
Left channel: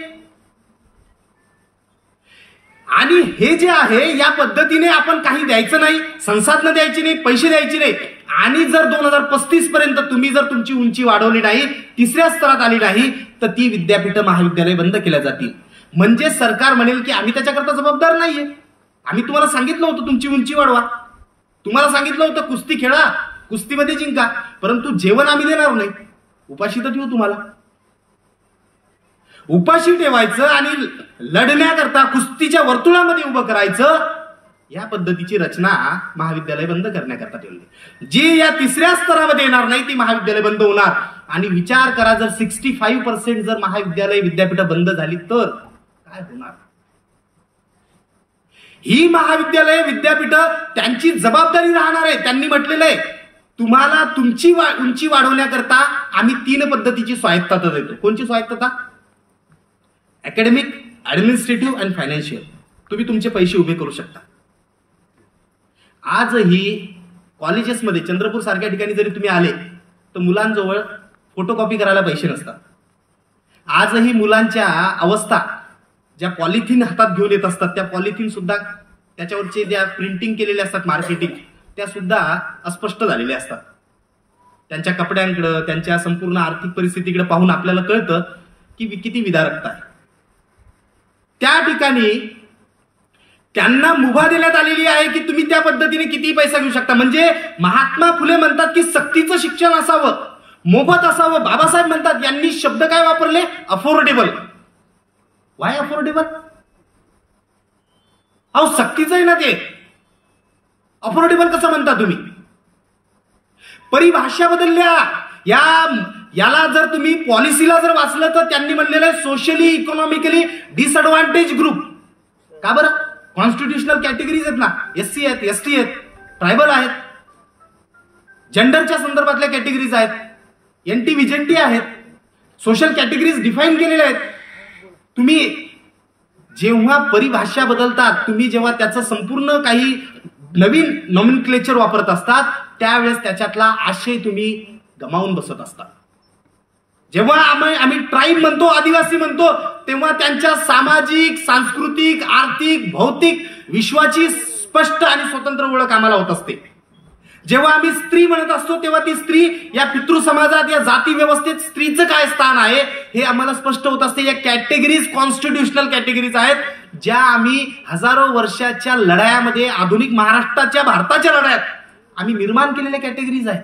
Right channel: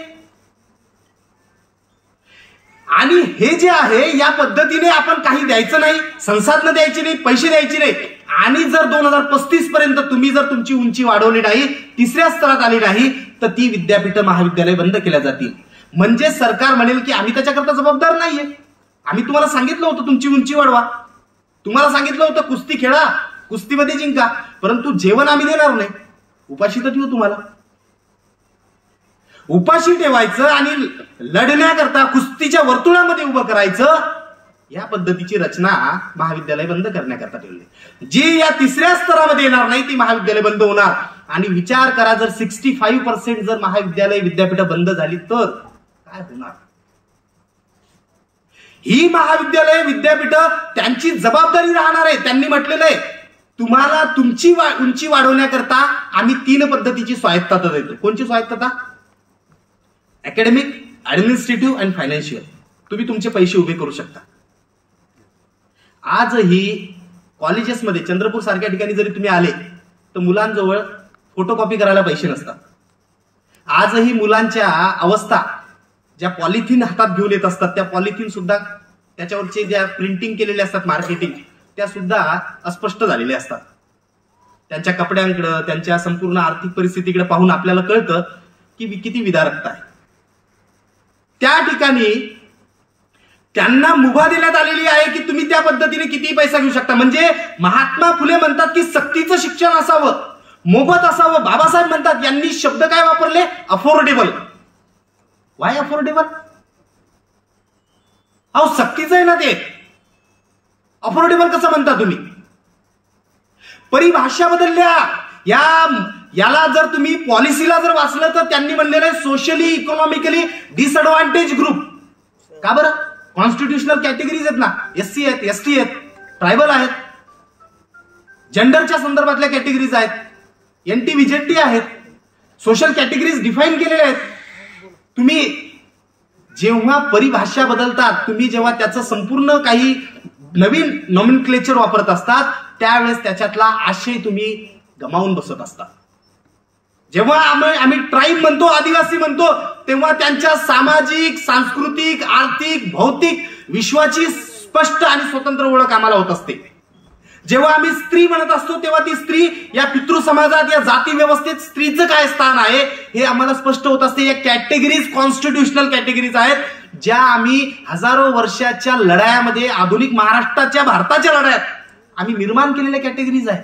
आणि हे जे आहे या पद्धतीने आपण काही द्यायचं नाही, संसाधनं द्यायची नाही, पैसे द्यायचे नाही. आणि जर 2035 पर्यंत तुम्ही जर तुमची उंची वाढवली नाही, 3ऱ्या स्तरात आली नाही, तर ती विद्यापीठ महाविद्यालय बंद केल्या जातील. म्हणजे सरकार म्हणेल की आम्ही त्याच्याकरता जबाबदार नाहीये, आम्ही तुम्हाला सांगितलं होतं तुमची उंची वाढवा, तुम्हाला सांगितलं होतं कुस्ती खेळा, कुस्तीमध्ये जिंका, परंतु जेवण आम्ही देणार नाही, उपाशी तर ठेवू तुम्हाला. उपाशी ठेवायचं आणि लढण्याकरता कुस्तीच्या वर्तुळामध्ये उभं करायचं, या पद्धतीची रचना महाविद्यालय बंद करण्याकरता ठेवली. जी या तिसऱ्या स्तरामध्ये येणार नाही ती महाविद्यालय बंद होणार. आणि विचार करा, जर 65% जर महाविद्यालय विद्यापीठ बंद झाली तर काय होणार? ही महाविद्यालय विद्यापीठ त्यांची जबाबदारी राहणार आहे. त्यांनी म्हटलेलं आहे, तुम्हाला तुमची उंची वाढवण्याकरता आम्ही 3 पद्धतीची स्वायत्तता देतो. कोणची स्वायत्तता? अकॅडमिक, ऍडमिनिस्ट्रेटिव्ह आणि फायनान्शियल. तुम्ही तुमचे पैसे उभे करू शकता. आजही कॉलेजेसमध्ये चंद्रपूर सारख्या ठिकाणी जरी तुम्ही आले तर मुलांजवळ फोटोकॉपी करायला पैसे नसतात. आजही मुलांच्या अवस्था ज्या पॉलिथिन हातात घेऊन येत असतात, त्या पॉलिथिन सुद्धा त्याच्यावरचे ज्या प्रिंटिंग केलेले असतात मार्केटिंग, त्या सुद्धा अस्पष्ट झालेल्या असतात. त्यांच्या कपड्यांकडे, त्यांच्या संपूर्ण आर्थिक परिस्थितीकडे पाहून आपल्याला कळतं की किती विदारकता आहे. त्या ठिकाणी त्यांना मुभा देण्यात आलेली आहे की तुम्ही त्या पद्धतीने किती पैसा घेऊ शकता. म्हणजे महात्मा फुले म्हणतात की सक्तीचं शिक्षण असावं, मोफत असावं. बाबासाहेब म्हणतात, यांनी शब्द काय वापरले? अफोर्डेबल. Y affordable? अहो सक्तीचं आहे ना ते, अफोर्डेबल कसं म्हणता तुम्ही? परिभाषा बदलल्या. याला जर तुम्ही पॉलिसीला जर वाचलं तर त्यांनी म्हणलेलं आहे सोशली इकॉनॉमिकली डिसएडव्हान्टेज ग्रुप. का बरं? कॉन्स्टिट्युशनल कॅटेगरीज आहेत ना, एससी आहेत, एसटी आहेत, ट्रायबल आहेत, जेंडरच्या संदर्भातल्या कॅटेगरीज आहेत, एनटी व्हिजेंटी आहेत, सोशल कॅटेगरीज डिफाईन केलेल्या आहेत. तुम्ही जेव्हा परिभाषा बदलतात, तुम्ही जेव्हा त्याचं संपूर्ण काही नवीन नॉमेनक्लेचर वापरत असतात, त्यावेळेस त्याच्यातला आशय तुम्ही गमावून बसत असतात. जेव्हा आम्ही ट्राईब म्हणतो, आदिवासी म्हणतो, तेव्हा त्यांच्या सामाजिक, सांस्कृतिक, आर्थिक, भौतिक विश्वाची स्पष्ट आणि स्वतंत्र ओळख आम्हाला होत असते. जेव्हा आम्ही स्त्री म्हणत असतो तेव्हा ती स्त्री या पितृ समाजात, या जाती व्यवस्थेत स्त्रीचं काय स्थान आहे हे आम्हाला स्पष्ट होत असते. या कॅटेगरीज कॉन्स्टिट्युशनल कॅटेगरीज आहेत, ज्या आम्ही हजारो वर्षाच्या लढायामध्ये, आधुनिक महाराष्ट्राच्या, भारताच्या लढायात आम्ही निर्माण केलेल्या कॅटेगरीज आहेत.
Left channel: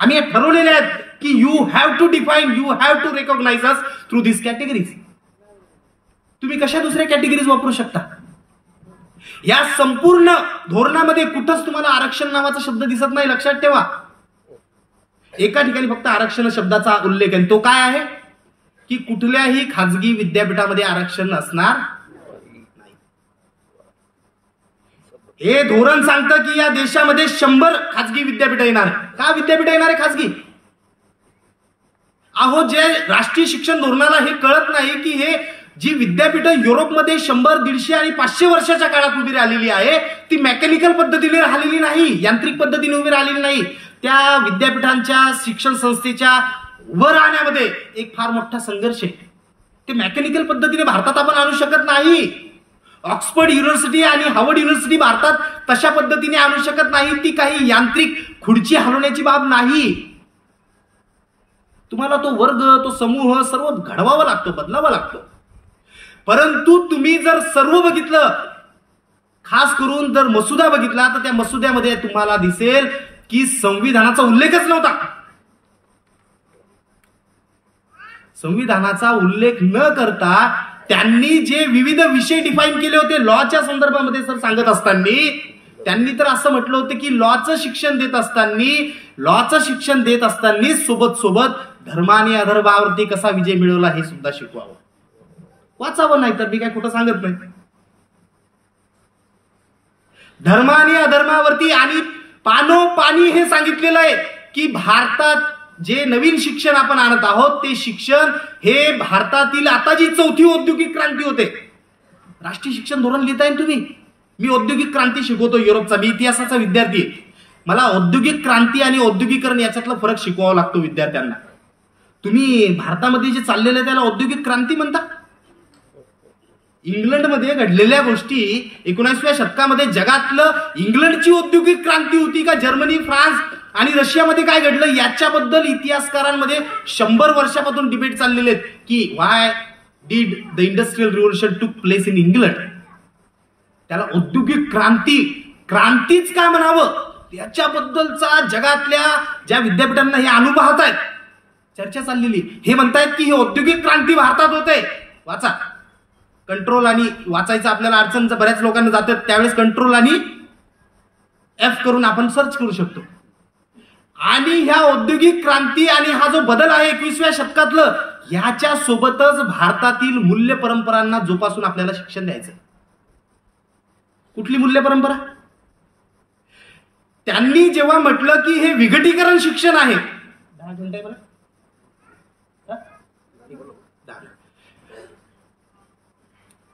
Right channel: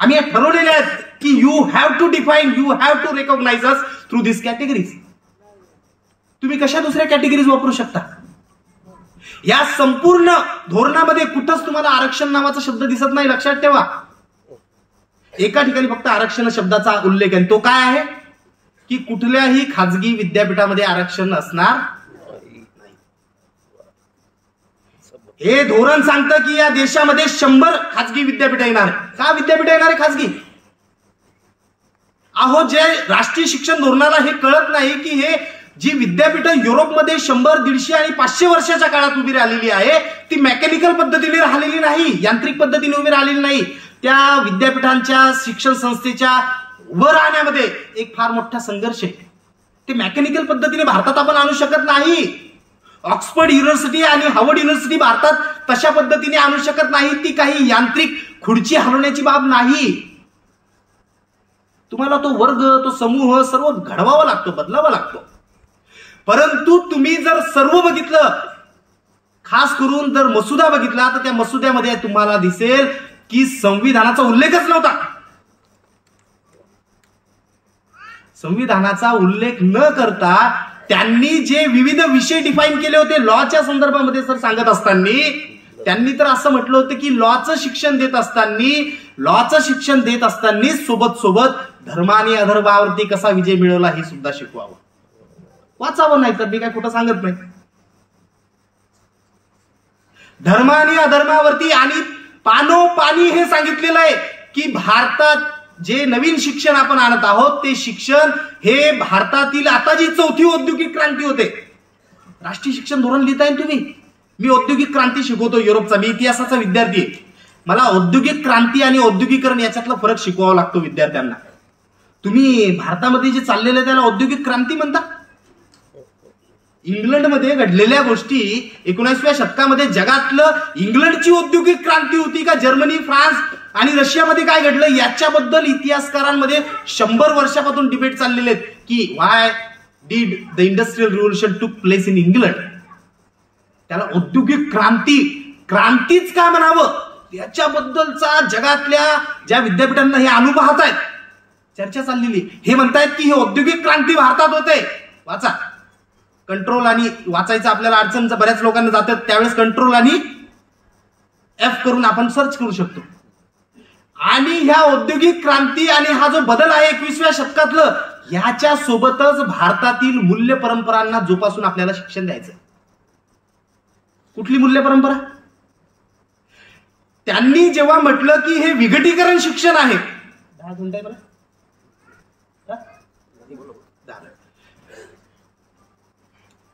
आम्ही हे ठरवलेले आहेत की you have to define, you have to recognise us through this categories. तुम्ही कशा दुसऱ्या कॅटेगरीज वापरू शकता? या संपूर्ण धोरणामध्ये कुठंच तुम्हाला आरक्षण नावाचा शब्द दिसत नाही. लक्षात ठेवा, एका ठिकाणी फक्त आरक्षण शब्दाचा उल्लेख आहे. तो काय आहे की कुठल्याही खाजगी विद्यापीठामध्ये आरक्षण असणार नाही. हे धोरण सांगतं की या देशामध्ये 100 खाजगी विद्यापीठ येणार. का विद्यापीठ येणार आहे खाजगी? अहो, जे राष्ट्रीय शिक्षण धोरणाला हे कळत नाही की हे जी विद्यापीठ युरोपमध्ये 100, 150 आणि 500 वर्षाच्या काळात उभी राहिलेली आहे, ती मेकॅनिकल पद्धतीने राहिलेली नाही, यांत्रिक पद्धतीने उभी राहिलेली नाही. त्या विद्यापीठांच्या शिक्षण संस्थेच्या वर आणण्यामध्ये एक फार मोठा संघर्ष आहे. ते मेकॅनिकल पद्धतीने भारतात आपण आणू शकत नाही. ऑक्सफर्ड युनिव्हर्सिटी आणि हार्वर्ड युनिव्हर्सिटी भारतात तशा पद्धतीने आणू शकत नाही. ती काही यांत्रिक खुर्ची हलवण्याची बाब नाही. तुम्हाला तो वर्ग, तो समूह सर्व घडवावा लागतो, बदलावा लागतो. परंतु तुम्ही जर सर्व बघितलं, खास करून जर मसुदा बघितला, तर त्या मसुद्यामध्ये तुम्हाला दिसेल की संविधानाचा उल्लेखच नव्हता. संविधानाचा उल्लेख न करता त्यांनी जे विविध विषय डिफाईन केले होते लॉच्या संदर्भामध्ये सर सांगत असताना, त्यांनी तर असं म्हटलं होतं की लॉचं शिक्षण देत असताना सोबत सोबत धर्म आणि अधर्मावरती कसा विजय मिळवला हे सुद्धा शिकवावं. वाचावं, नाही तर मी काय कुठं सांगत नाही. धर्म आणि अधर्मावरती आणि पानोपानी हे सांगितलेलं आहे की भारतात जे नवीन शिक्षण आपण आणत आहोत ते शिक्षण हे भारतातील आता जी 4थी औद्योगिक क्रांती होते. राष्ट्रीय शिक्षण धोरण लिहिताय तुम्ही. मी औद्योगिक क्रांती शिकवतो युरोपचा, मी इतिहासाचा विद्यार्थी आहे. मला औद्योगिक क्रांती आणि औद्योगिकरण याच्यातला फरक शिकवावा लागतो विद्यार्थ्यांना. तुम्ही भारतामध्ये जे चाललेलं आहे त्याला औद्योगिक क्रांती म्हणता. इंग्लंडमध्ये घडलेल्या गोष्टी 19व्या शतकामध्ये जगातलं इंग्लंडची औद्योगिक क्रांती होती का जर्मनी, फ्रान्स आणि रशियामध्ये काय घडलं याच्याबद्दल इतिहासकारांमध्ये 100 वर्षापासून डिबेट चाललेले आहेत की why did the industrial revolution took place in England. त्याला औद्योगिक क्रांतीच काय म्हणावं याच्याबद्दलचा जगातल्या ज्या विद्यापीठांना हे अनुभव आहेत चर्चा चाललेली. हे म्हणतायत की ही औद्योगिक क्रांती भारतात होते. वाचा, कंट्रोल आणि वाचायचं आपल्याला अडचण बऱ्याच लोकांना जातात, त्यावेळेस कंट्रोल आणि एफ करून आपण सर्च करू शकतो. आणि ह्या औद्योगिक क्रांती आणि हा जो बदल आहे 21व्या शतकातलं, ह्याच्या सोबतच भारतातील मूल्य परंपरांना जोपासून आपल्याला शिक्षण द्यायचं. कुठली मूल्य परंपरा? त्यांनी जेव्हा म्हटलं की हे विघटीकरण शिक्षण आहे, 10 घंटे मला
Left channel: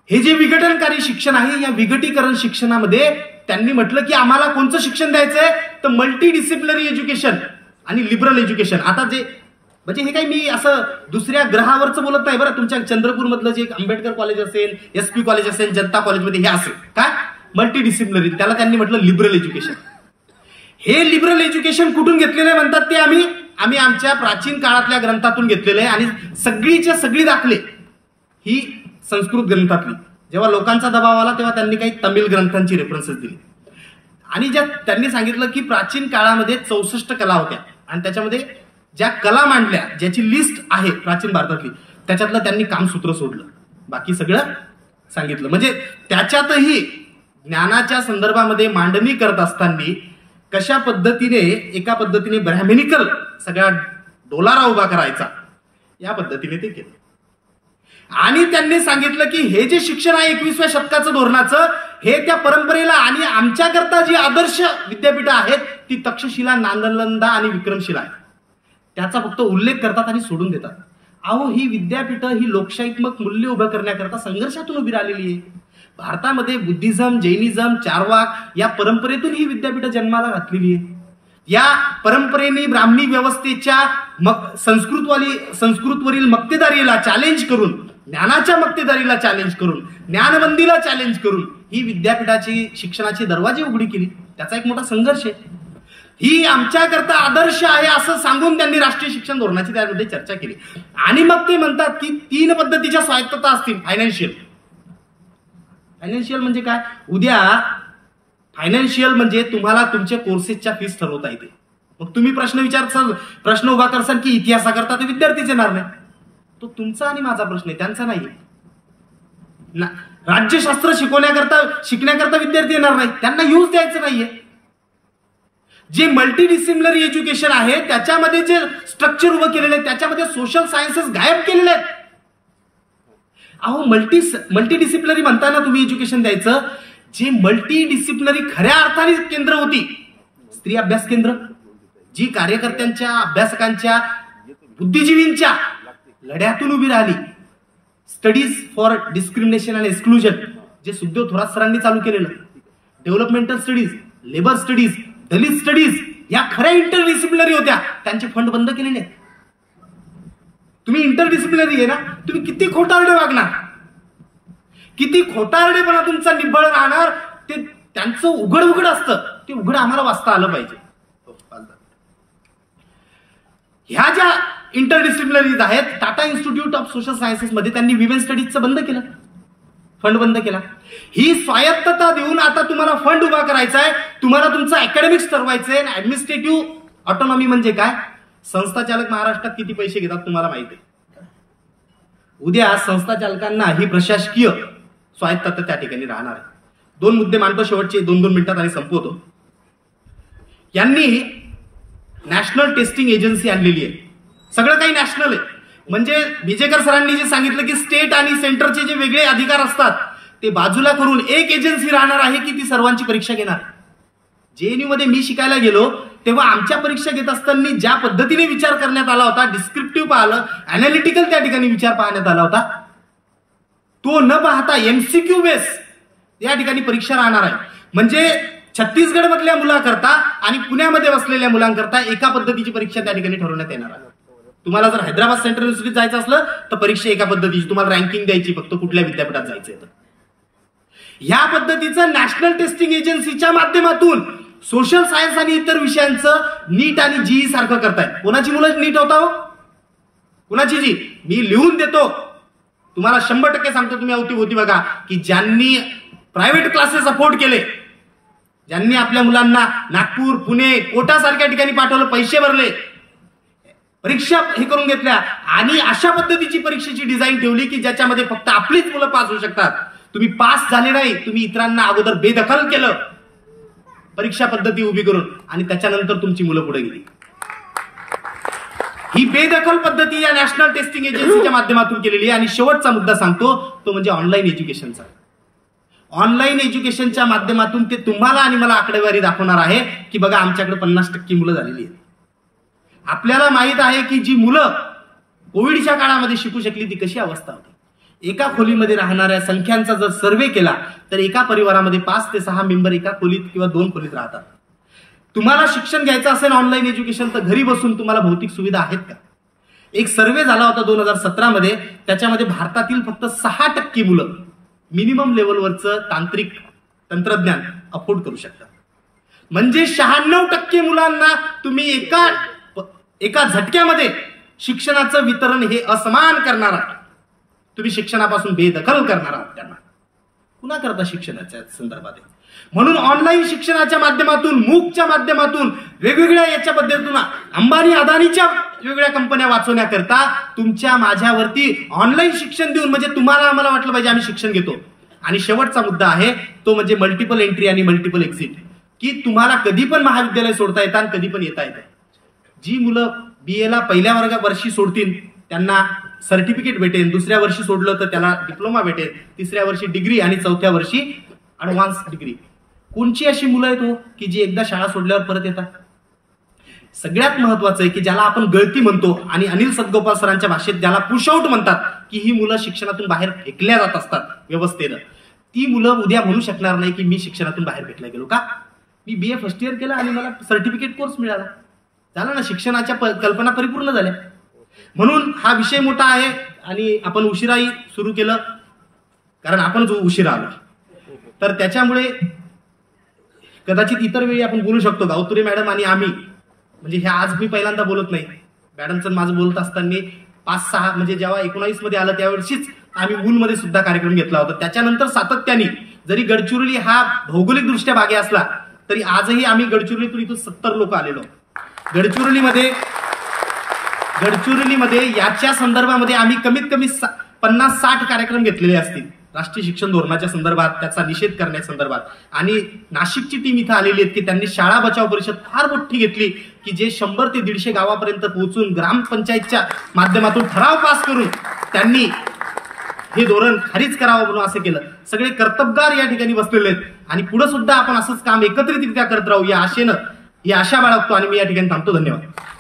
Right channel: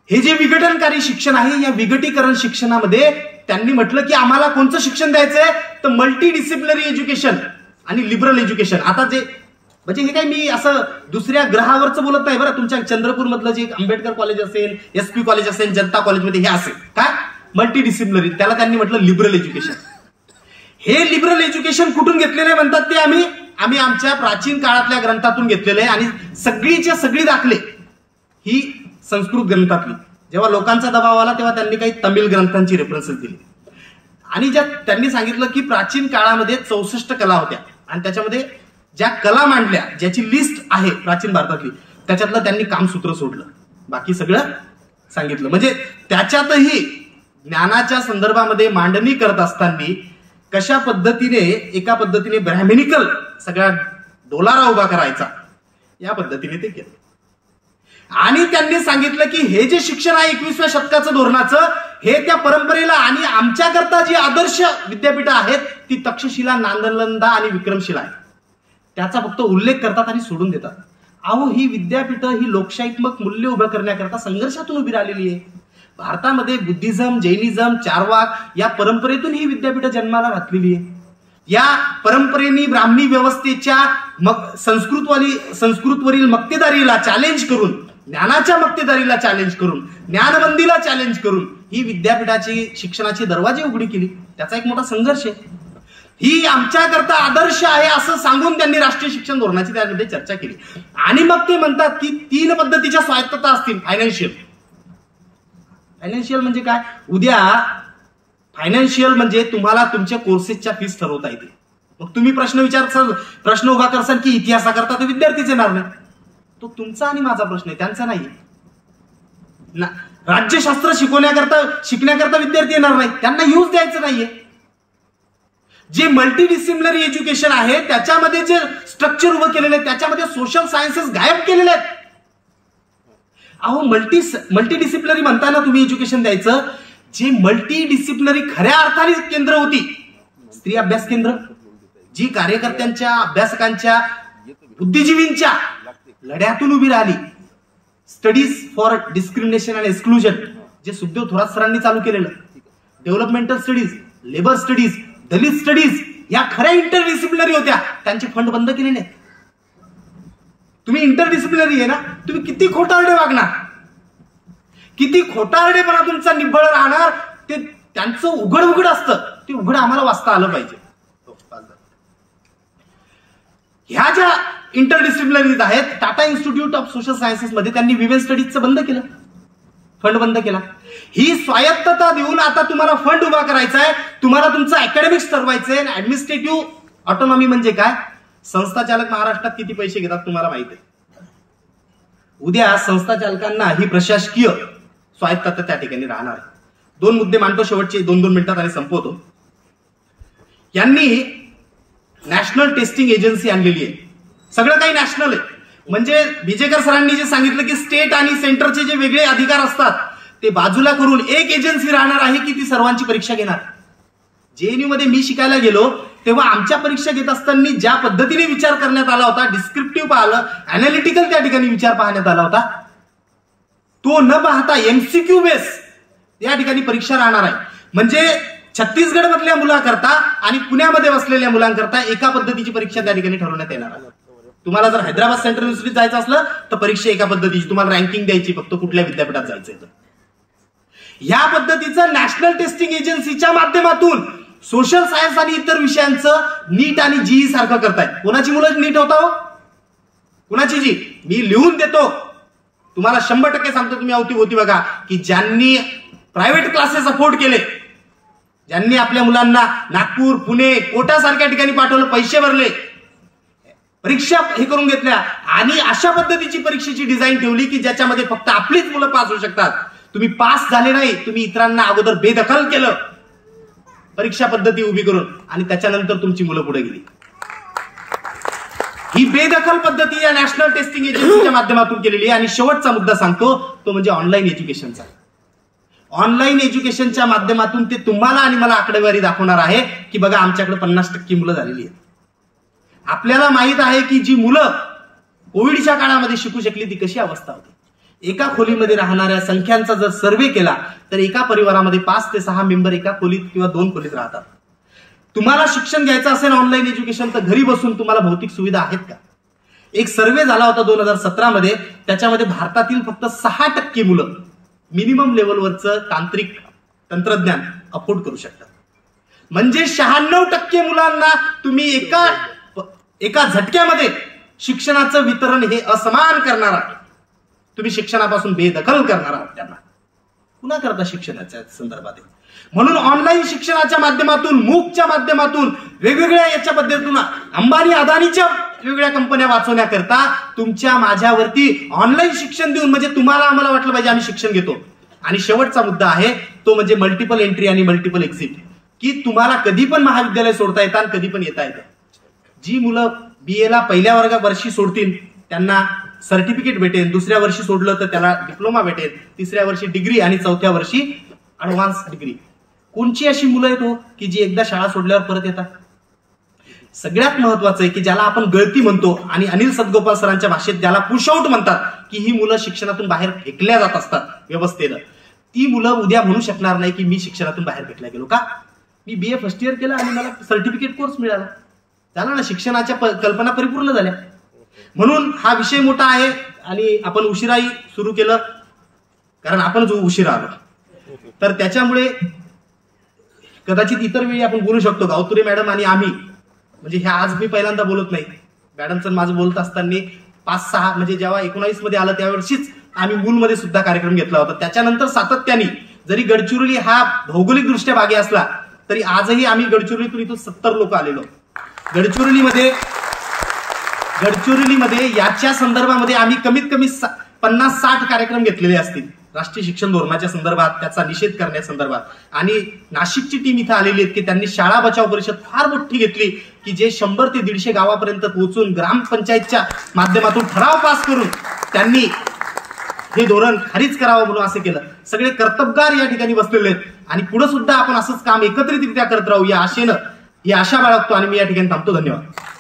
हे जे विघटनकारी शिक्षण आहे, या विघटीकरण शिक्षणामध्ये त्यांनी म्हटलं की आम्हाला कोणतं शिक्षण द्यायचंय, तर मल्टी डिसिप्लिनरी एज्युकेशन आणि लिबरल एज्युकेशन. आता जे म्हणजे हे काय मी असं दुसऱ्या ग्रहावरचं बोलत नाही बरं. तुमच्या चंद्रपूर मधलं जे आंबेडकर कॉलेज असेल, SP कॉलेज असेल, जनता कॉलेजमध्ये हे असेल काय मल्टी डिसिप्लिनरी, त्याला त्यांनी म्हटलं लिबरल एज्युकेशन. हे लिबरल एज्युकेशन कुठून घेतलेले म्हणतात ते आम्ही आमच्या प्राचीन काळातल्या ग्रंथातून घेतलेले आहे. आणि सगळीच्या सगळी दाखले ही संस्कृत ग्रंथातली. जेव्हा लोकांचा दबाव आला तेव्हा त्यांनी काही तमिळ ग्रंथांची रेफरन्सेस दिली. आणि ज्या त्यांनी सांगितलं की प्राचीन काळामध्ये 64 कला होत्या आणि त्याच्यामध्ये ज्या कला मांडल्या, ज्याची लिस्ट आहे प्राचीन भारतातली, त्याच्यातलं त्यांनी कामसूत्र सोडलं, बाकी सगळं सांगितलं. म्हणजे त्याच्यातही ज्ञानाच्या संदर्भामध्ये मांडणी करत असताना कशा पद्धतीने एका पद्धतीने ब्रॅह्मनिकल सगळा डोलारा उभा करायचा, या पद्धतीने ते केलं. आणि त्यांनी सांगितलं की हे जे शिक्षण आहे 21व्या शतकाचं धोरणाचं, हे त्या परंपरेला आणि आमच्याकरता जी आदर्श विद्यापीठं आहेत ती तक्षशिला, नालंदा आणि विक्रमशिला आहे, त्याचा फक्त उल्लेख करतात आणि सोडून देतात. अहो, ही विद्यापीठं ही लोकशाहीत्मक मूल्य उभं करण्याकरता संघर्षातून उभी राहिलेली आहे. भारतामध्ये बुद्धिझम, जैनिझम, चारवाक या परंपरेतून ही विद्यापीठं जन्माला घातलेली आहे. या परंपरेने ब्राह्मणी व्यवस्थेच्या संस्कृतवरील मक्तेदारीला चॅलेंज करून, ज्ञानाच्या मक्तेदारीला चॅलेंज करून, ज्ञानबंदीला चॅलेंज करून ही विद्यापीठाची शिक्षणाची दरवाजे उघडी केली. त्याचा एक मोठा संघर्ष आहे. ही आमच्याकरता आदर्श आहे असं सांगून त्यांनी राष्ट्रीय शिक्षण धोरणाची त्यामध्ये चर्चा केली. आणि मग ते म्हणतात की 3 पद्धतीच्या स्वायत्तता असतील. फायनान्शियल म्हणजे काय? उद्या फायनान्शियल म्हणजे तुम्हाला तुमच्या कोर्सेसच्या फीस ठरवता येते. मग तुम्ही प्रश्न उभा करसाल की इतिहासाकरता ते विद्यार्थीच येणार नाही. तो तुमचा आणि माझा प्रश्न आहे, त्यांचा नाही. राज्यशास्त्र शिकण्याकरता विद्यार्थी येणार नाही, त्यांना यूज द्यायचं नाहीये. जे मल्टी डिसिप्लिनरी एज्युकेशन आहे त्याच्यामध्ये जे स्ट्रक्चर उभं केलेलं आहे, त्याच्यामध्ये सोशल सायन्सेस गायब केलेले आहेत. अहो, मल्टी डिसिप्लिनरी म्हणताना तुम्ही एज्युकेशन द्यायचं, जे मल्टी डिसिप्लिनरी खऱ्या अर्थाने केंद्र होती, स्त्री अभ्यास केंद्र, जी कार्यकर्त्यांच्या, अभ्यासकांच्या, बुद्धिजीवींच्या लढ्यातून उभी राहिली. Studies for discrimination and exclusion, जे सुखदेव थोरात सरांनी चालू केलेलं, डेव्हलपमेंटल स्टडीज, लेबर स्टडीज, दलित स्टडीज, या खऱ्या इंटरडिसिप्लिनरी होत्या. त्यांचे फंड बंद केलेले आहेत. तुम्ही इंटरडिसिप्लिनरी आहे ना, तुम्ही किती खोटारडे वागणार, किती खोटारडेपणा तुमचा निव्वळ राहणार, ते त्यांचं उघड असतं. ते उघड आम्हाला वाचता आलं पाहिजे. ह्या ज्या इंटरडिसिप्लिनरीज आहेत, Tata institute of social sciences मध्ये त्यांनी विमेन स्टडीजचं बंद केलं, फंड बंद केला. ही स्वायत्तता देऊन आता तुम्हाला फंड उभा करायचा आहे, तुम्हाला तुमचं अकॅडमिक्स ठरवायचंय. ऍडमिनिस्ट्रेटिव्ह ऑटोनॉमी म्हणजे काय? संस्था चालक महाराष्ट्रात किती पैसे घेतात तुम्हाला माहिती आहे. उद्या संस्था चालकांना ही प्रशासकीय स्वायत्तता त्या ठिकाणी राहणार. 2 मुद्दे मांडतो शेवटचे 2-2 मिनिटात आणि संपवतो. यांनी नॅशनल टेस्टिंग एजन्सी आणलेली आहे. सगळं काही नॅशनल आहे. म्हणजे बिजेकर सरांनी जे सांगितलं की स्टेट आणि सेंटरचे जे वेगळे अधिकार असतात ते बाजूला करून एक एजन्सी राहणार आहे की ती सर्वांची परीक्षा घेणार. JNU मध्ये मी शिकायला गेलो तेव्हा आमच्या परीक्षा घेत असताना ज्या पद्धतीने विचार करण्यात आला होता, डिस्क्रिप्टिव्ह पाहिलं, अनालिटिकल त्या ठिकाणी विचार पाहण्यात आला होता, तो न पाहता MCQ बेस या ठिकाणी परीक्षा राहणार आहे. म्हणजे छत्तीसगड मधल्या मुलांकरता आणि पुण्यामध्ये बसलेल्या मुलांकरता एका पद्धतीची परीक्षा त्या ठिकाणी ठरवण्यात येणार आहे. तुम्हाला जर हैदराबाद सेंट्रल युनिव्हर्सिटीत जायचं असलं तर परीक्षा एका पद्धतीची, तुम्हाला रँकिंग द्यायची फक्त कुठल्या विद्यापीठात जायचंय तर. या पद्धतीचं नॅशनल टेस्टिंग एजन्सीच्या माध्यमातून सोशल सायन्स आणि इतर विषयांचं नीट आणि जीई सारखं करतायत. कोणाची मुलं नीट होता हो, कोणाची जी? मी लिहून देतो तुम्हाला, 100% सांगतो. तुम्ही होती बघा की ज्यांनी प्रायव्हेट क्लासेस अफोर्ड केले, ज्यांनी आपल्या मुलांना नागपूर, पुणे, कोटा सारख्या ठिकाणी पाठवलं, पैसे भरले, परीक्षा हे करून घेतल्या आणि अशा पद्धतीची परीक्षेची डिझाईन ठेवली की ज्याच्यामध्ये फक्त आपलीच मुलं पास होऊ शकतात. तुम्ही पास झाले नाही, तुम्ही इतरांना अगोदर बेदखल केलं परीक्षा पद्धती उभी करून आणि त्याच्यानंतर तुमची मुलं पुढे गेली. ही बेदखल पद्धती या नॅशनल टेस्टिंग एजन्सीच्या माध्यमातून केलेली आहे. आणि शेवटचा मुद्दा सांगतो तो म्हणजे ऑनलाईन एज्युकेशनचा. ऑनलाईन एज्युकेशनच्या माध्यमातून ते तुम्हाला आणि मला आकडेवारी दाखवणार आहे की बघा आमच्याकडे 50% मुलं झालेली आहेत. आपल्याला माहित आहे की जी मुलं कोविडच्या काळामध्ये शिकू शकली ती कशी अवस्था होती. एका खोलीमध्ये राहणाऱ्या संख्यांचा जर सर्व्हे केला तर एका परिवारामध्ये 5 ते 6 मेंबर एका खोलीत किंवा 2 खोलीत राहतात. तुम्हाला शिक्षण घ्यायचं असेल ऑनलाईन एज्युकेशन तर घरी बसून तुम्हाला भौतिक सुविधा आहेत का? एक सर्व्हे झाला होता 2017 मध्ये, त्याच्यामध्ये भारतातील फक्त 6% मुलं मिनिमम लेवलवरचं तांत्रिक तंत्रज्ञान अफोर्ड करू शकतात. म्हणजे 96% मुलांना तुम्ही एका झटक्यामध्ये शिक्षणाचं वितरण हे असमान करणार आहात. तुम्ही शिक्षणापासून बेदखल करणार आहात त्यांना. पुन्हा करता शिक्षणाच्या संदर्भात. म्हणून ऑनलाईन शिक्षणाच्या माध्यमातून, मूकच्या माध्यमातून, वेगवेगळ्या याच्या पद्धतीतून अंबानी अदानीच्या वेगवेगळ्या कंपन्या वाचवण्याकरता तुमच्या माझ्यावरती ऑनलाईन शिक्षण देऊन म्हणजे तुम्हाला आम्हाला वाटलं पाहिजे आम्ही शिक्षण घेतो. आणि शेवटचा मुद्दा आहे तो म्हणजे मल्टिपल एंट्री आणि मल्टिपल एक्झिट, की तुम्हाला कधी पण महाविद्यालय सोडता येतं आणि कधी पण येता येतं. जी मुलं बीएला पहिल्या वर्षी सोडतील त्यांना सर्टिफिकेट भेटेल, दुसऱ्या वर्षी सोडलं तर त्याला डिप्लोमा भेटेल, तिसऱ्या वर्षी डिग्री आणि चौथ्या वर्षी ऍडव्हान्स डिग्री. कोणची अशी मुलं आहेत हो की जी एकदा शाळा सोडल्यावर परत येतात? सगळ्यात महत्वाचं आहे की ज्याला आपण गळती म्हणतो आणि अनिल सदगोपाल सरांच्या भाषेत ज्याला पुशआउट म्हणतात, की ही मुलं शिक्षणातून बाहेर फेकल्या जात असतात व्यवस्थेनं. ती मुलं उद्या म्हणू शकणार नाही की मी शिक्षणातून बाहेर फेकल्या गेलो. का? मी बीए फर्स्ट इयर केलं आणि मला सर्टिफिकेट कोर्स मिळाला. झालं ना, शिक्षणाच्या कल्पना परिपूर्ण झाल्या. म्हणून हा विषय मोठा आहे आणि आपण उशिराही सुरू केलं कारण आपण जो उशिरा आलो. तर त्याच्यामुळे कदाचित इतर वेळी आपण बोलू शकतो. गावतुरे मॅडम आणि आम्ही म्हणजे हे आज मी पहिल्यांदा बोलत नाही. मॅडमचं माझं बोलत असताना 5-6 म्हणजे जेव्हा 19 मध्ये आलं त्यावर्षीच आम्ही मूलमध्ये सुद्धा कार्यक्रम घेतला होता. त्याच्यानंतर सातत्याने जरी गडचिरोली हा भौगोलिक दृष्ट्या भागी असला तरी आजही आम्ही गडचिरोलीतून इथून 70 लोक आलेलो. गडचिरोलीमध्ये याच्या संदर्भामध्ये आम्ही कमीत कमी 50-60 कार्यक्रम घेतलेले असतील राष्ट्रीय शिक्षण धोरणाच्या संदर्भात, त्याचा निषेध करण्यासंदर्भात. आणि नाशिकची टीम इथं आलेली आहेत की त्यांनी शाळा बचाव परिषद फार मोठी घेतली की जे 100 ते 150 गावापर्यंत पोहोचून ग्रामपंचायतच्या माध्यमातून ठराव पास करून त्यांनी हे धोरण खारीज करावं म्हणून असं केलं. सगळे कर्तबगार या ठिकाणी बसलेले आहेत आणि पुढे सुद्धा आपण असंच काम एकत्रितरित्या करत राहू या आशेनं, ही आशा बाळगतो आणि मी या ठिकाणी थांबतो. धन्यवाद.